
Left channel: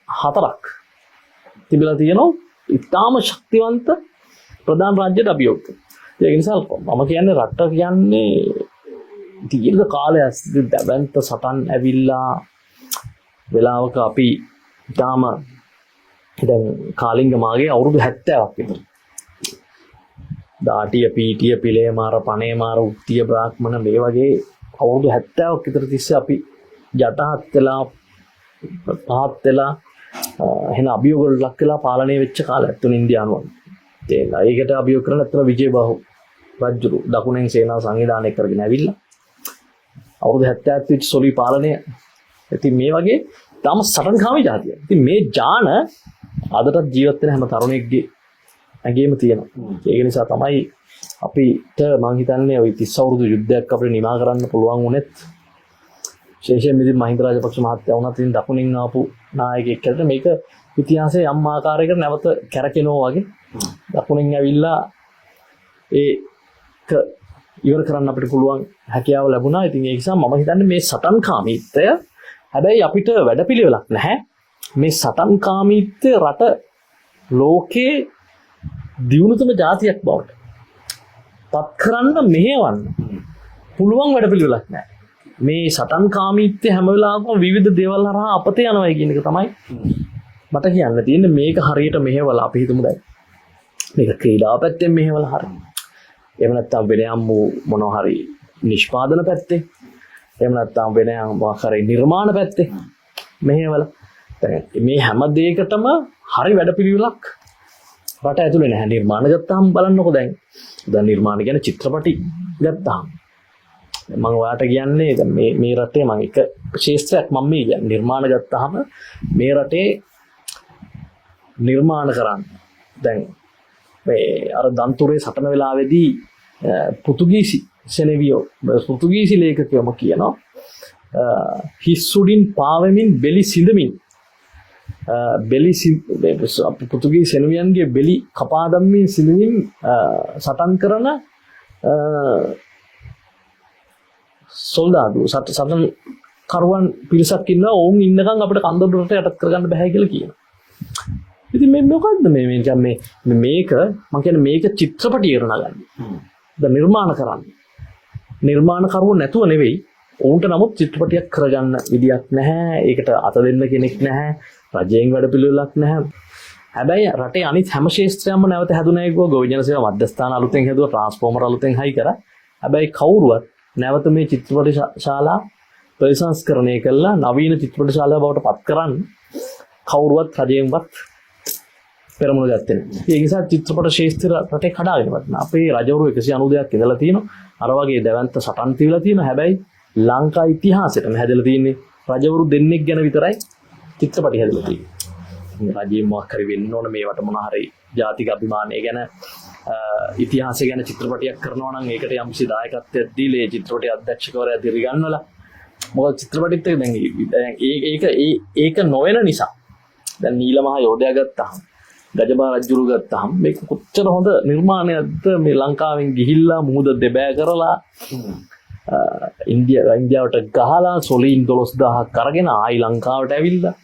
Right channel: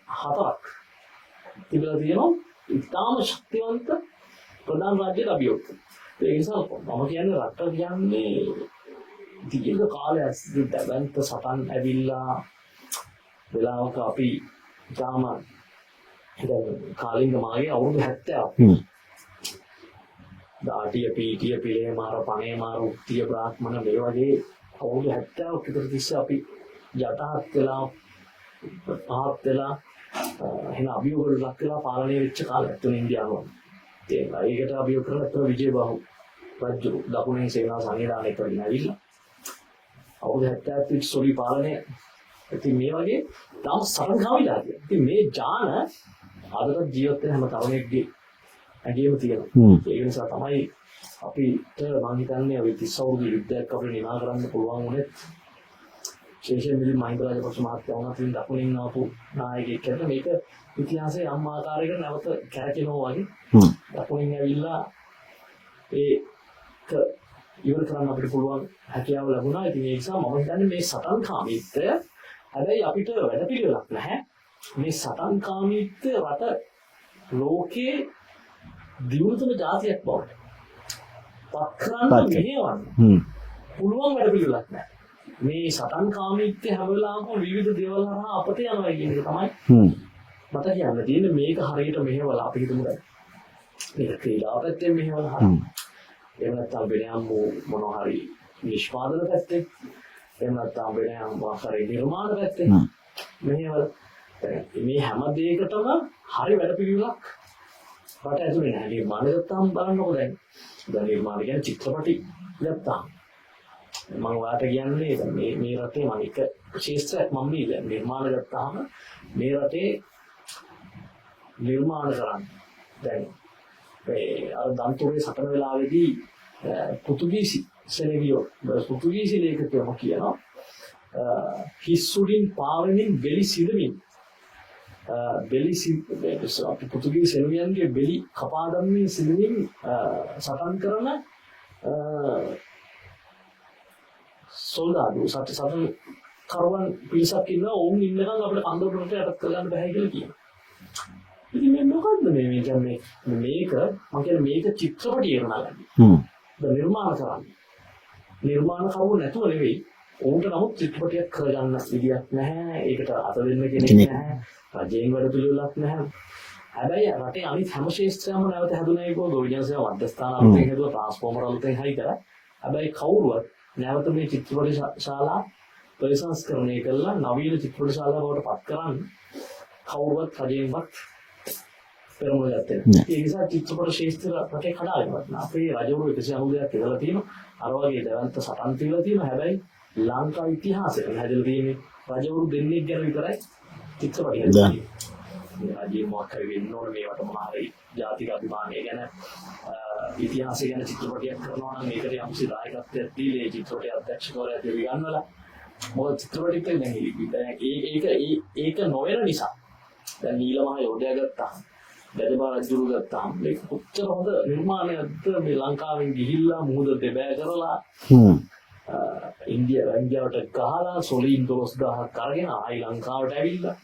4ක් තිබිලා තියෙනවා. ඉතාම ශක්තිවන්ත ප්‍රධාන රාජ්‍යයට අභියෝග කරනවා. ඒ නිසා මම කියන්නේ රට කියන්නේ දීර්ඝ කාලයක් දැවැන්ත සටන් ඇවිල්ලා වෙලාවක අපි ඉතාම දැන් කාලිංග මාගේ අවුරුදු 70ක් දාටිය පීටිය පිලේ මාර පණේ මාර උක්තිය බ්‍රාහ්මණ මේ වගේ අවුරුදු 70ක් විතර තිස්සේ අපි යටහත් වෙලා පහත් වෙලා එහෙන අභියෝග ලක් වෙලා පාලනය වෙච්ච කාලයක් තුන ඉන්දියානුවන්. ඒකට අභියෝග කරන අතර විජේබාහු රජු දකුණෙන් සේනාව සංවිධානය කරගෙන ඇවිල්ලා අවුරුදු 70ක් විතර සොලි පාලනය. ඉතින් මේ වගේ තාම සටන්කාමී ජාතියක්. ඉතින් මේ ජාන අදටත් ජීවත් වෙන හැම තරුණයෙක්ගේ ඇඟේම තියෙනවා. ඒක නිසා තමයි අපිට මම හිතන්නේ ওই 30 අවුරුදු යුද්ධයක් අපිට නිමා කරන්න පුළුවන් වුණෙත් විශේෂයෙන් ඉතින් මහින්ද රාජපක්ෂ මහත්තයා වුණත් ඉතින් දකුණින් ආපු නායකයෙක් කියලා මේක ඉතිහාසයේ යම් ආකාරයකට නැවත කැරකෙනවා වගේ දකුණින් ඇවිල්ලා ඒක ඉවර කරන්න අපිට පුළුවන් හැකියාව ලැබුණා. ඉතින් ඒ නිසා මම හිතන්නේ මේ සටන්කාමීත්වය හැබැයි අපිට වැඩපිළිවෙලක් නැහැ. මේ සටන්කාමීත්වය රට ලෝකේ දියුණුතම ජාතියක් බවට පත් කරන්න මෙහෙවන්න පුළුවන් වැඩපිළිවෙලක් නැහැ. මේ සටන්කාමීත්වය හැම වෙලාවකම විවිධ දේවල් හරහා අපතේ යනවා කියන එක තමයි මට කියන්න තියෙන්නේ. මේක හරියට මෙහෙवला අපි හිතමු දැන් මේක ක්‍රීඩාව පැත්තෙන් මෙහෙवला හරිය. එහෙම නැත්නම් වෙන යම් මොනවා හරි නිෂ්පාදන පැත්තේ. එහෙම නැත්නම් වෙන යම් වාකරේ නිර්මාණ පැත්තේ මෙහෙवला. මේ හැම දෙයකටම හරි වැඩපිළිවෙලක් රට ඇතුලේ නැහැ. නිර්මාණ ගත්තාම බලන්නකෝ දැන් නිර්මාණ කියන්නේ චිත්‍රපටි ගත්තාම මම ඔයාලට කියන්නේ දැන් මේ රටේ මම එක ශේෂ්ත්‍රයක් මම මේ කියන්නේ නිර්මාණ ගත්තාම මේ රටේ නිර්මාණ කරන්න දැන් මේ අර දන්තුරේ සටන වෙලාවේදී පෘතුගීසි සෙනෙවියෝ පෘතුගීසි ලේඛකයම කියනවා හිස්සුඩින් පාවෙමින් බෙලි සිඳමින් පෘතුගීසි සෙනෙවියන්ගේ බෙලි කපා දම්මින් සිඳමින් සටන් කරන සොල්දාදු සටන් කරුවන් පිරිසක් ඉන්නවා. ඕන් ඉන්නකම් අපිට කන්දොඩට යටත් කරගන්න බෑ කියලා කියනවා. ඉතින් මේ මොකද්ද මේක මම කියන්නේ මේක චිත්‍රපටියට නගන්නේ. දැන් නිර්මාණ කරන්නේ. නිර්මාණ කරුවෝ නැතුව නෙවෙයි. උන්ට නමුත් චිත්‍රපටියක් කරගන්න විදියක් නැහැ. ඒකට අත දෙන්න කෙනෙක් නැහැ. රජයෙන් වැඩ පිළිවෙලක් නැහැ. හැබැයි රටේ අනිත් හැම ශේෂ්ත්‍රයක්ම නැවත හැදුනා ඒක ගොවිජන සේවා මධ්‍යස්ථාන අලුතෙන් හැදුවා ට්‍රාන්ස්ෆෝමර් අලුතෙන් හයි කරා. හැබැයි කවුරුවත් නැවත මේ චිත්‍රපට ශාලා ප්‍රතිසංස්කරණය කළා නවීන චිත්‍රපට ශාලා බවට පත් කරන්න කවුරුවත් රජයෙන්වත් පෙරමුණ ගත්තේ නැහැ. ඒ නිසා චිත්‍රපට ශාස්ත්‍ර රටේ කඩාගෙන වටන. අපේ රජවරු 190ක් ඉඳලා තියෙනවා. අර වගේ දැවැන්ත සටන් තියලා තියෙනවා. හැබැයි ලංකා ඉතිහාසෙට හැදලා තියෙන්නේ රජවරු දෙන්නෙක් ගැන විතරයි චිත්‍රපටි හැදලා තියෙන්නේ. රජයේ මොකක් හරි වෙන්න ඕන මේවට මොන හරි ජාතික අභිමානය ගැන ඉතිහාසය ගැන චිත්‍රපටයක් කරනවා නම් ඒකට යම්කිසි දායකත්වයක් දීලා ඒ චිත්‍රපටයේ අධ්‍යක්ෂකවරයා දිරිගන්නවලා මොකද චිත්‍රපටිත් දැන් ඒක නොවන නිසා දැන් නීල මහ යෝධයා ගත්තාම ගජබා රජුරු ගත්තාම මේක කොච්චර හොඳ නිර්මාණයක්ද මේ ලංකාවෙන් ගිහිල්ලා මුහුද දෙබෑ කරලා ඉන්දියාවට ගහලා සොලීන් 12000ක් අරගෙන ආයි ලංකාවට ඇවිල්ලා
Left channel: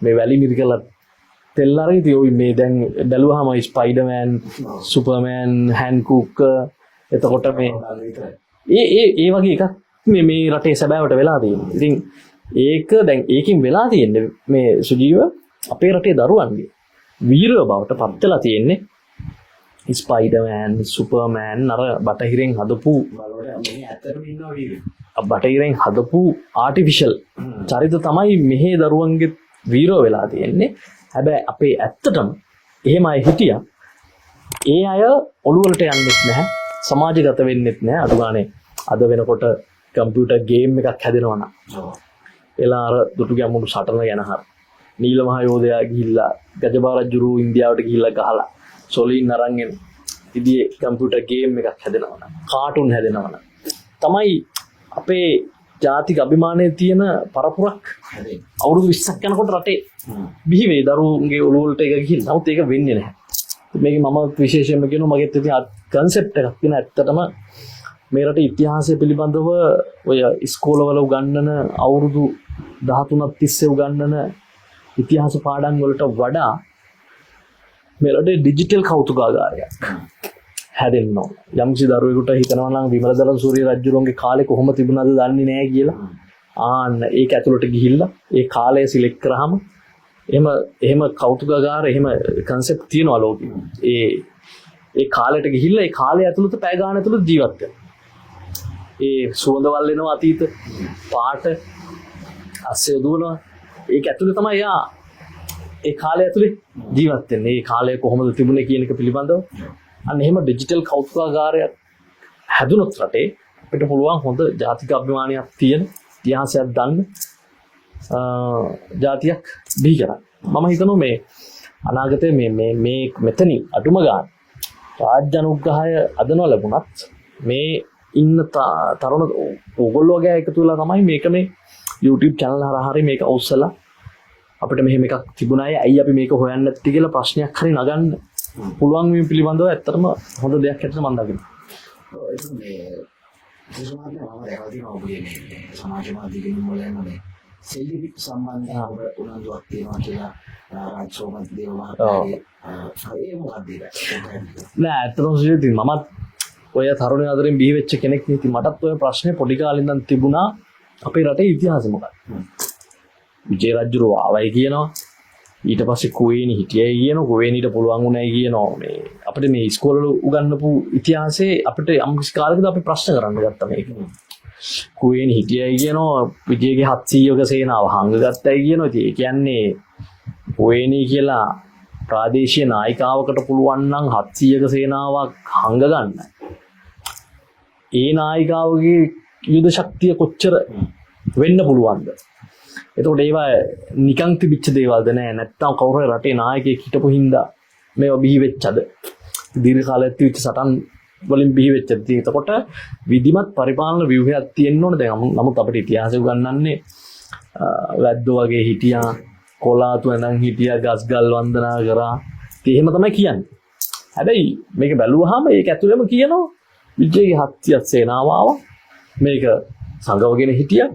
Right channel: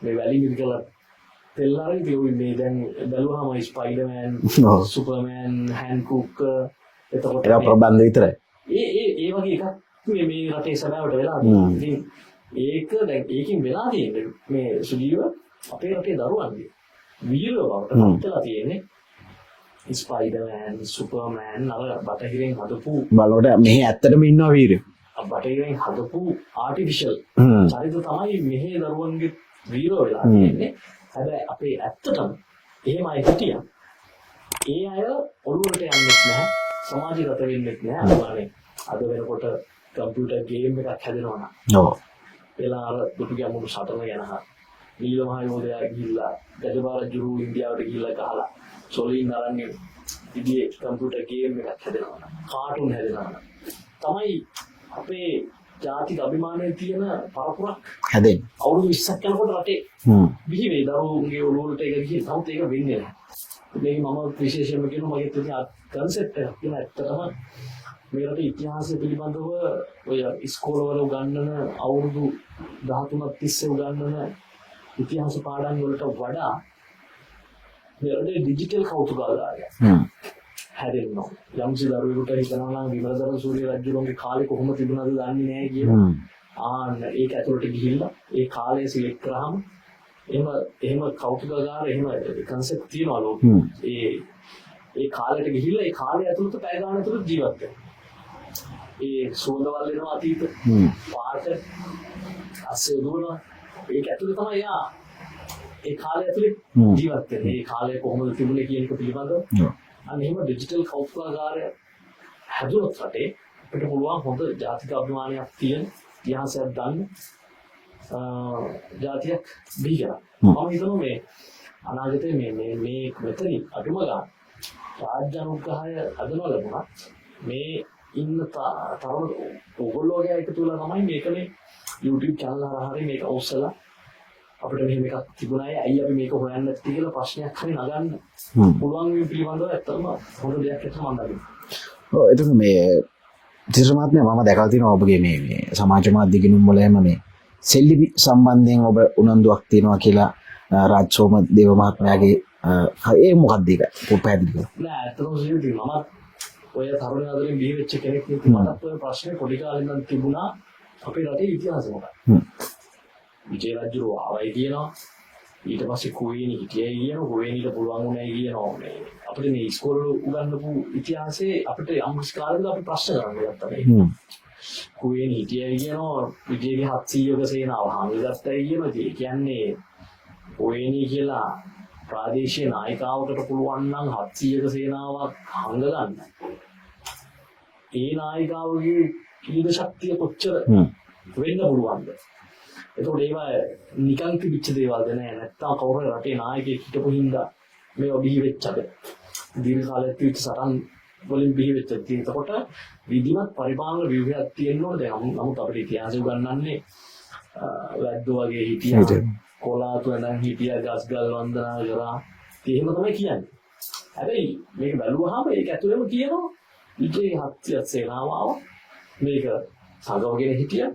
මේ වැලි මිරිකලා තෙල් අරගෙන තියෝයි මේ දැන් බැලුවාම ස්පයිඩර්මෑන් සුපර්මෑන් හැන්කුක් එතකොට ප්‍රබන්ධ විතරයි ඒ වගේ එකක් මේ රටේ සැබෑවට වෙලා තියෙනවා. ඉතින් ඒක දැන් ඒකින් වෙලා තියෙන්නේ මේ සුජීව අපේ රටේ දරුවන්ගේ වීරව බවට පත් වෙලා තියෙන්නේ ස්පයිඩර්මෑන් සුපර්මෑන් අර බටහිරෙන් හදපු බලවට මෙහි ඇත්තටම ඉන්නවා වීරයෝ. බටහිරෙන් හදපු ආටිෆිෂල් චරිත තමයි මෙහි දරුවන්ගේ වීරව වෙලා තියෙන්නේ. හැබැයි අපේ ඇත්තටම එහෙම අය හිටියා. ඒ අය ඔළුවලට යන්නේ නැහැ. සමාජගත වෙන්නේ නැහැ. අනුමානේ අද වෙනකොට කම්පියුටර් ගේම් එකක් හැදෙනවා නම් ඔව් එලා අර දුටු ගැමුණු සටන ගැන හර නීල මහ යෝධයා ගිහිල්ලා ගජබා රජුරු ඉන්දියාවට ගිහිල්ලා ගහලා සොලීන් අරන් එන ඉතියේ කම්පියුටර් ගේම් එකක් හැදෙනවා නම් කාටුන් හැදෙනවා නම් තමයි අපේ ජාතික අභිමානයේ තියෙන පරපුරක් හැදෙන්නේ. අවුරුදු 20ක් යනකොට රටේ බිහි වේ දරුවන්ගේ ඔළුවලට එක ගිහින්. නමුත් ඒක වෙන්නේ නැහැ. මේක මම විශේෂයෙන්ම කියනවා මගෙත් ඉතින් කන්සෙප්ට් එකක් තියෙන ඇත්තටම මේ රටේ ඉතිහාසය පිළිබඳව ඔය ඉස්කෝලවල උගන්වන අවුරුදු 13ක් තිස්සේ උගන්වන ඉතිහාස පාඩම් වලට වඩා මේ රටේ ඩිජිටල් කෞතුකාගාරයක් හැදෙන්න ඕන. යම්කිසි දරුවෙකුට හිතනවා නම් විමලදරන් සූරිය රජුලෝන්ගේ කාලේ කොහොම තිබුණාද දන්නේ නැහැ කියලා. ආන්න ඒක ඇතුළට ගිහිල්ලා ඒ කාලය සිලෙක්ට් කරාම එහෙම කෞතුකාගාර එහෙම කන්සෙප්ට් තියෙනවා ලෝකෙ. ඒ කාලයට ගිහිල්ලා ඒ කාලය ඇතුළත පැය ගාන ඇතුළත ජීවත් වෙනවා. ඒ සුවඳවල් එනවා අතීත පාට අස්සේ දුවනවා ඒක ඇතුලේ තමයි යා ඒ කාලය ඇතුලේ ජීවත් වෙන්නේ. ඒ කාලය කොහොමද තිබුණේ කියන එක පිළිබඳව අන්න එහෙම ඩිජිටල් කෞතුකාගාරයක් හැදුනොත් රටේ අපිට පුළුවන් හොඳ ජාතික අභිමානයක් තියෙන ඉතිහාසයක් දන්න ජාතියක් බිහි කරන්න. මම හිතනවා මේ අනාගතයේ මේ මෙතනින් අඩුම ගන්න රාජ්‍ය අනුග්‍රහය අද නොලැබුණත් මේ ඉන්න තරුණ ඕගොල්ලෝ වගේ එකතු වෙලා තමයි මේක මේ YouTube channel හරහා හරි මේක ඔස්සලා අපිට මෙහෙම එකක් තිබුණායි ඇයි අපි මේක හොයන්නේ නැත්තේ කියලා ප්‍රශ්නයක් හරි නගන්න පුළුවන් මේ පිළිබඳව ඇත්තටම හොඳ දෙයක් හැටියට මම දකිනවා. ඔව් එතකොට මේ තිරමාත්මය මම දැකලා තියෙනවා ඔබගේ මේ සමාජ මාධ්‍ය ගිණුම් වල එහෙම මේ සෙල්ලිපි සම්බන්ධයෙන් ඔබ උනන්දුවක් තියෙනවා කියලා රාජ් සෝමදේව මහත්මයාගේ ඒ මොකක්ද ඒක පැහැදිලි නෑ ඇත්තටම සිද්ධි මමත් ඔය තරුණ ආදරෙන් බිහි වෙච්ච කෙනෙක් නේ. මටත් ඔය ප්‍රශ්නේ පොඩි කාලේ ඉඳන් තිබුණා අපේ රටේ ඉතිහාසෙ මොකක්ද? විජේ රජුරෝ ආවයි කියනවා. ඊට පස්සේ කුවේණි හිටියයි කියනවා. කුවේණිට පුළුවන් වුණයි කියනවා. මේ අපිට මේ ඉස්කෝලවල උගන්වපු ඉතිහාසයේ අපිට යම් කිසි කාලයකදී අපි ප්‍රශ්න කරන්න ගත්තා මේක. කුවේණි හිටියයි කියනවා. විජේගේ 700ක සේනාව හංගගත්තයි කියනවා. ඉතින් ඒ කියන්නේ කුවේණි කියලා ප්‍රාදේශීය නායිකාවකට පුළුවන් නම් 700ක සේනාවක් හංග ගන්න. ඒ නායිකාවගේ යුද ශක්තිය කොච්චර වෙන්න පුළුවන්ද? එතකොට ඒවා නිකන් තිබිච්ච දේවල්ද නෑ නැත්තම් කවුරු හරි රටේ නායකයෙක් හිටපු හින්දා මේවා බිහි වෙච්චද? දීර්ඝ කාලයක් තිබිච්ච සටන් වලින් බිහි වෙච්චද? එතකොට විධිමත් පරිපාලන ව්‍යුහයක් තියෙන්න ඕනේ. දැන් නමුත් අපිට ඉතිහාසය උගන්වන්නේ වැද්දෝ වගේ හිටියා. කොලාතු නැන් හිටියා ගස්ගල් වන්දනා කරා. ඉතින් එහෙම තමයි කියන්නේ. හැබැයි මේක බැලුවාම ඒක ඇතුළෙම කියනවා විජේගේ 700ක් සේනාව ආවා. මේක සංගවගෙන හිටියා.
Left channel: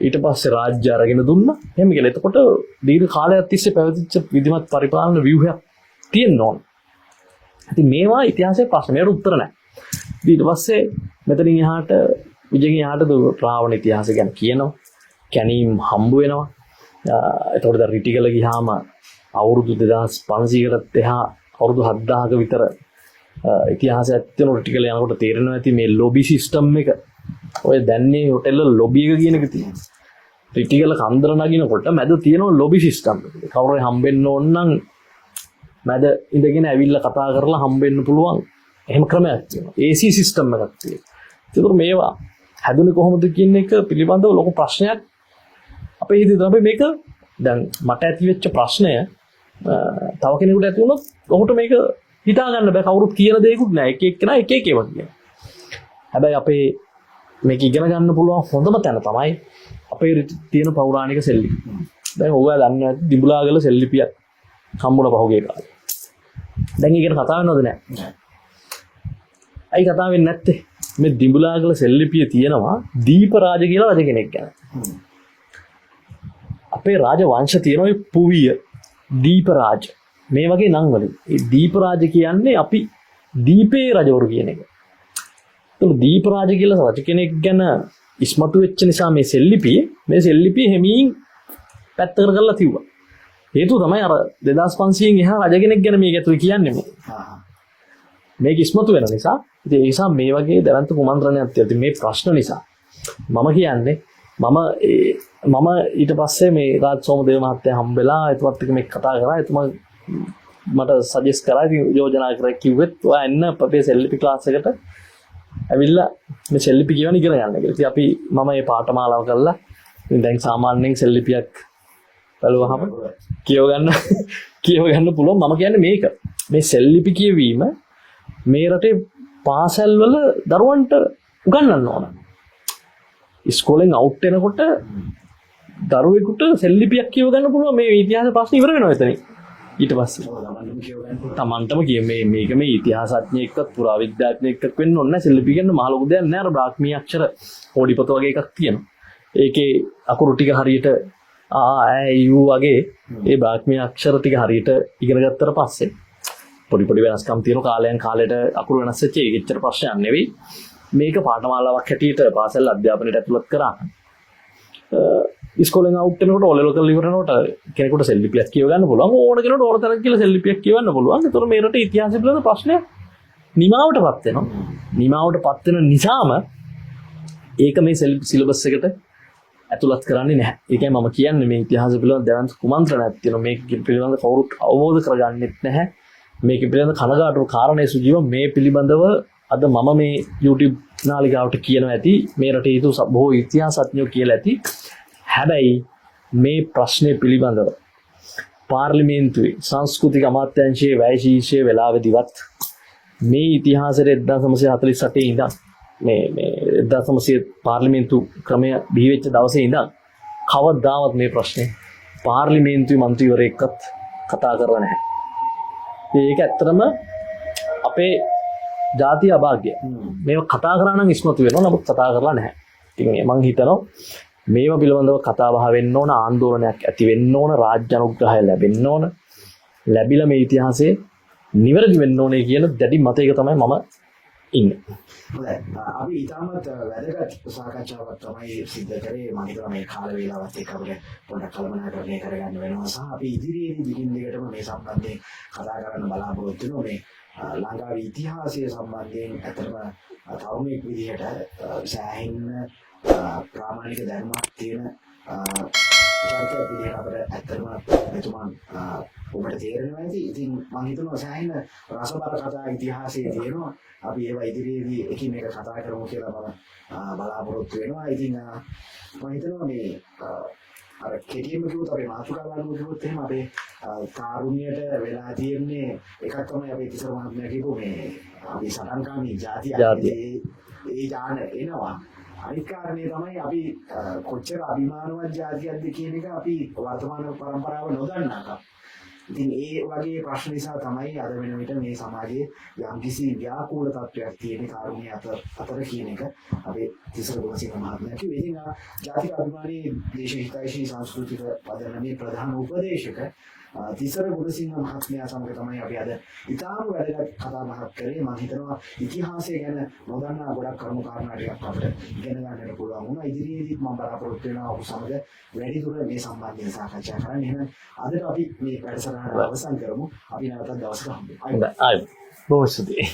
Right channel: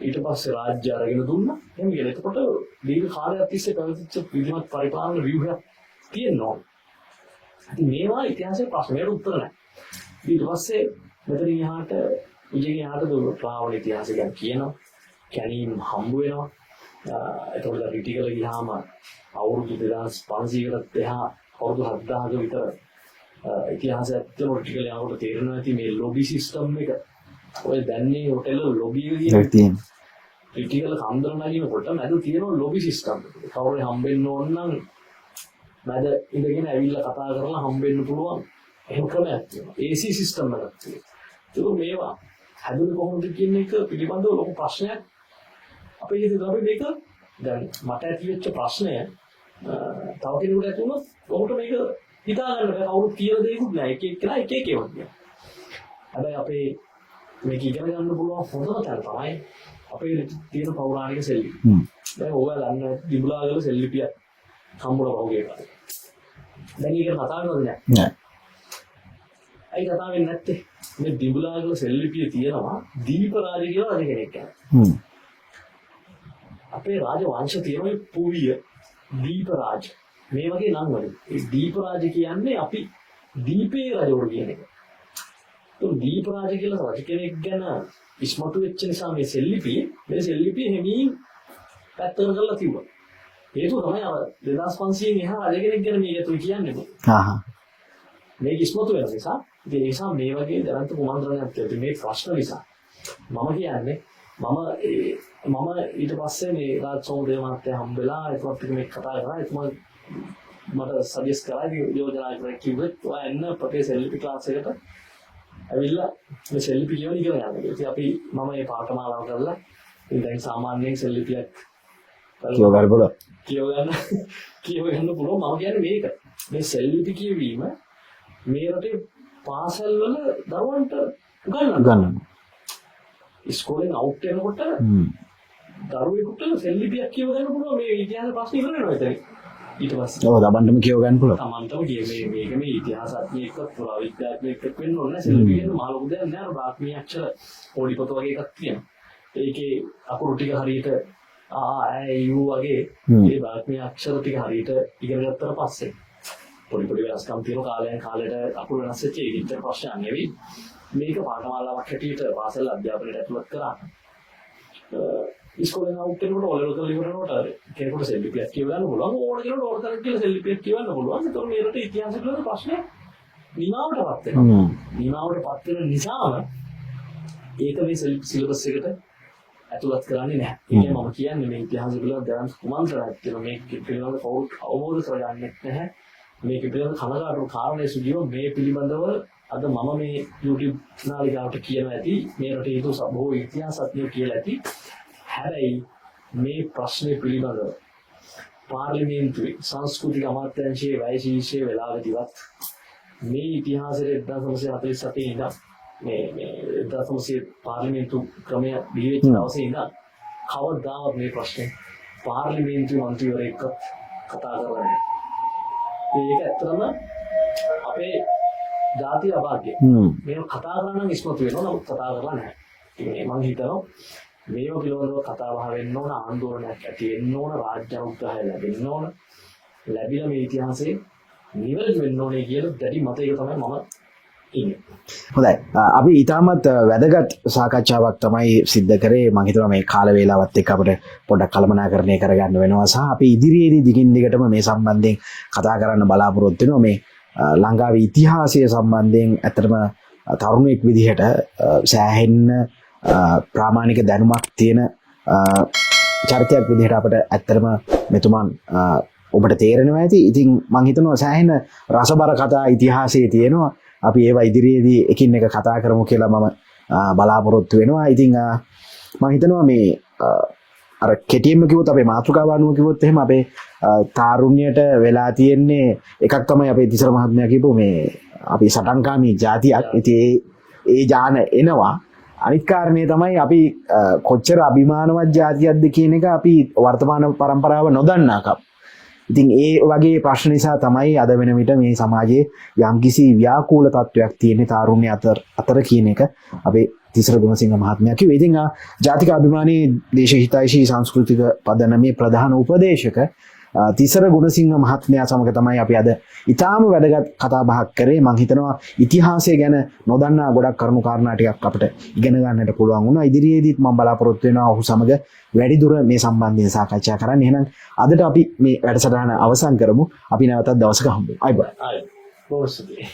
ඊට පස්සේ රාජ්‍ය අරගෙන දුන්නා. එහෙම කියලා. එතකොට දීර්ඝ කාලයක් තිස්සේ පැවතිච්ච විධිමත් පරිපාලන ව්‍යුහයක් තියෙන්න ඕන. ඉතින් මේවා ඉතිහාසයේ ප්‍රශ්නයට උත්තර නැහැ. ඊට පස්සේ මෙතනින් එහාට විජේගෙන් එහාට රාවණ ඉතිහාසය ගැන කියනවා. කැනීම් හම්බ වෙනවා. එතකොට දැන් රිටිගල ගියාම අවුරුදු 2500කටත් එහා අවුරුදු 7000ක විතර ඉතිහාසය ඇත්තම ටිකල යනකොට තේරෙනවා ඇති මේ ලොබි සිස්ටම් එක ඔය දැන්නේ හොටෙල් ලොබි එක කියන තියෙන ක්‍රිටිකල් කන්දර නගිනකොට මැද තියෙනවා ලොබි සිස්ටම් කවුරු හම්බෙන්න ඕන නම් මැද ඉඳගෙන ඇවිල්ලා කතා කරලා හම්බෙන්න පුළුවන් එහෙම ක්‍රමයක් තියෙනවා AC සිස්ටම් එකක් තියෙනවා ඒක මේවා හැදුනේ කොහොමද කියන එක පිළිබඳව ලොකු ප්‍රශ්නයක් අපේ හිතේ තමයි මේක දැන් මට ඇති වෙච්ච ප්‍රශ්නය තව කෙනෙකුට ඇති වුණොත් ඔහුට මේක හිතා ගන්න බෑ කවුරුත් කියන දේකුත් නෑ එක එක්කෙනා එක එක ඒවා කියනවා හැබැයි අපේ මේක ඉගෙන ගන්න පුළුවන් හොඳම තැන තමයි අපේ තියෙන පෞරාණික සෙල්ලිපි දැන් ඔයගොල්ලෝ දන්නවා ඇති දිඹුලාගල සෙල්ලිපියක් හම්බුණා පහුගිය කාලේ දැන් ඒකට කතා වෙනවද නෑ අයි කතා වෙන්නේ නැත්තේ මේ දිඹුලාගල සෙල්ලිපිය තියෙනවා දීපරාජ කියලා රජ කෙනෙක් ගැන අපේ රාජ වංශ තියෙනවා ඒ පුවිය දීපරාජ මේ වගේ නම් වලින් ඒ දීපරාජ කියන්නේ අපි දීපේ රජවරු කියන එක. ඒක දීපරාජ කියලා රජ කෙනෙක් ගැන ඉස්මතු වෙච්ච නිසා මේ සෙල්ලිපිය හැමීන් පැත්තකට කරලා තියුවා. හේතුව තමයි අර 2500න් එහා රජ කෙනෙක් ගැන මේක ඇතුළේ කියන්නේ මොකද? මේක ඉස්මතු වෙන නිසා ඉතින් ඒ නිසා මේ වගේ දැවන්ත කුමන්ත්‍රණයක් තියෙද්දි මේ ප්‍රශ්න නිසා මම කියන්නේ මම ඊට පස්සේ මේ රාජ් සෝමදේව මහත්තයා හම්බෙලා එතුමත් එක්ක මේක කතා කරා එතුමා මට සජෙස්ට් කරා යෝජනා කරා කිව්වෙත් ඔයා එන්න අපේ සෙල්ලිපි ක්ලාස් එකට ඇවිල්ලා මේ සෙල්ලිපි කියවන ඉගෙන ගන්න කියලා. ඉතින් අපි මම මේ පාඨමාලාව කරලා දැන් සාමාන්‍යයෙන් සෙල්ලිපියක් කියව ගන්න පුළුවන්. මම කියන්නේ මේක. මේ සෙල්ලිපි කියවීම මේ රටේ පාසල් වල දරුවන්ට උගන්වන්න. ඉස්කෝලෙන් අවුට් වෙනකොට දරුවෙකුට සෙල්ලිපියක් කියව ගන්න පුළුවන් මේ ඉතිහාස ප්‍රශ්න ඉවර වෙනවා එතන. ඊට පස්සේ ඔව් තමන්ටම කියව ගන්න පුළුවන්. තමන්ටම මේක මේ ඉතිහාසඥයෙක්වත් පුරාවිද්‍යාඥයෙක්වත් වෙන්න ඕනේ නැහැ. සෙල්ලිපි කියන මහ ලොකු දෙයක් නෑ. අර බ්‍රාහ්මී අක්ෂර පොඩිපොත වගේ එකක් තියෙනවා. ඒකේ අකුරු ටික හරියට යු වගේ ඒ බ්‍රාහ්මී අක්ෂර ටික හරියට ඉගෙන ගත්තට පස්සේ පොඩි වෙනස්කම් තියෙන කාලයෙන් කාලයට අකුරු වෙනස් වෙච්ච ඒක ඇත්තට ප්‍රශ්නයක් නෙවෙයි. මේක පාඨමාලාවක් හැටියට පාසල් අධ්‍යාපනයට ඇතුළත් කරා. ඉස්කෝලෙන් අවුට් වෙනකොට ඔලෙවල් කරලා ඉවර වෙනකොට කෙනෙකුට සෙල්ලිපියක් කියව ගන්න පුළුවන්. ඕන කෙනෙකුට ඕන තරම් කියලා සෙල්ලිපියක් කියවන්න පුළුවන්. ඒතර මේ රටේ ඉතිහාසය පිළිබඳ ප්‍රශ්නය නිමාවටපත් වෙනවා. නිමාවටපත් වෙන නිසාම ඒක මේ සිලබස් එකට ඇතුළත් කරන්නේ නැහැ. ඒකයි මම කියන්නේ මේ ඉතිහාසය පිළිබඳ දැවන්ත කුමන්ත්‍රණයක් තියෙනවා. මේක පිළිබඳ කවුරුත් අවබෝධ කරගන්නෙත් නැහැ. මේක පිළිබඳ කනගාටු කාරණේ සුජීව මේ පිළිබඳව අද මම මේ YouTube නාලිකාවට කියනවා ඇති මේ රටේ හිටු බොහෝ ඉතිහාසඥයෝ කියලා ඇති. හැබැයි මේ ප්‍රශ්නේ පිළිබඳව පාර්ලිමේන්තුවේ සංස්කෘතික අමාත්‍යාංශයේ වැය ශීර්ෂයේ වෙලාවෙදිවත් මේ ඉතිහාසයේ 1948 ඉඳන් මේ 1900 පාර්ලිමේන්තු ක්‍රමය බිහි වෙච්ච දවසේ ඉඳන් කවදාවත් මේ ප්‍රශ්නේ පාර්ලිමේන්තුවේ മന്ത്രിවරයෙක්වත් කතා කරලා නැහැ. ඒක ඇත්තටම අපේ ජාතිය අභාග්‍ය. මේව කතා කරා නම් ඉස්මතු වෙනවා. නමුත් කතා කරලා නැහැ. ඉතින් මම හිතනවා මේව පිළිබඳව කතා බහ වෙන්න ඕන, ආందోලනයක් ඇති වෙන්න ඕන, රාජ්‍ය අනුග්‍රහය ලැබෙන්න ඕන. ලැබිලා මේ ඉතිහාසයේ නිවැරදි වෙන්න ඕනේ කියන දැඩි මතයක තමයි මම ඉන්නේ. හොඳයි. අපි ඊටමත් වැදගත් සාකච්ඡාවක් තමයි සිද්ධ කරේ. මම හිතනවා මේ කාල වේලාවත් එක්ක අපිට පොඩ්ඩක් කළමනාකරණය කරගන්න වෙනවා සහ අපි ඉදිරියේදී දිගින් දිගටම මේ සම්බන්ධයෙන් කතා කරන්න බලාපොරොත්තු වෙනවා. මේ ලංකාවේ ඉතිහාසය සම්බන්ධයෙන් ඇත්තටම තරුණෙක් විදිහට සෑහෙන්න ප්‍රාමාණික දැනුමක් තියෙන චරිතයක් විදිහට අපිට ඇත්තටම මෙතුමන් ඔබට තේරෙනවා ඇති. ඉතින් මම හිතනවා සෑහෙන රසබර කතා ඉතිහාසයේ තියෙනවා. අපි ඒවා ඉදිරියේදී එකින් එක කතා කරමු කියලා මම බලාපොරොත්තු වෙනවා. ඉතින් මම හිතනවා මේ අර කෙටියෙන්ම කිව්වොත් අපේ මාතෘකාව අනුව කිව්වොත් එහෙම අපේ තාරුණ්‍යයට වෙලා තියෙන්නේ එකක් තමයි අපේ තිසර මහත්මයා කියපු මේ අපි සටන්කාමී ජාතියක්. ඉතින් ඒ ජාන එනවා. අනිත් කාරණේ තමයි අපි කොච්චර අභිමානවත් ජාතියක්ද කියන එක අපි වර්තමාන પરම්පරාව නොදන්නාකම්. ඉතින් ඒ වගේ ප්‍රශ්න නිසා තමයි අද වෙන විට මේ සමාජයේ යම්කිසි ව්‍යාකූල තත්වයක් තියෙන තාරුණ්‍ය අතර කියන එක අපේ තිසර ගුණසිංහ මහත්මයා කිව්වේ. ඉතින් ජාතික අභිමානී දේශහිතයිෂී සංස්කෘතික පදනමේ ප්‍රධාන උපදේශක තිසර ගුණසිංහ මහත්මයා සමග තමයි අපි අද ඉතාම වැදගත් කතා බහක් කරේ. මම හිතනවා ඉතිහාසය ගැන නොදන්නා ගොඩක් කරුණු කාරණා ටිකක් අපිට ඉගෙන ගන්නට පුළුවන් වුණා. ඉදිරියේදීත් මම බලාපොරොත්තු වෙනවා ඔහු සමග වැඩිදුර මේ සම්බන්ධයෙන් සාකච්ඡා කරන්න. එහෙනම් අදට අපි මේ වැඩසටහන අවසන් කරමු. අපි නැවතත් දවසක හම්බෙමු. අයබෝවන්. බොහොම ස්තුතියි.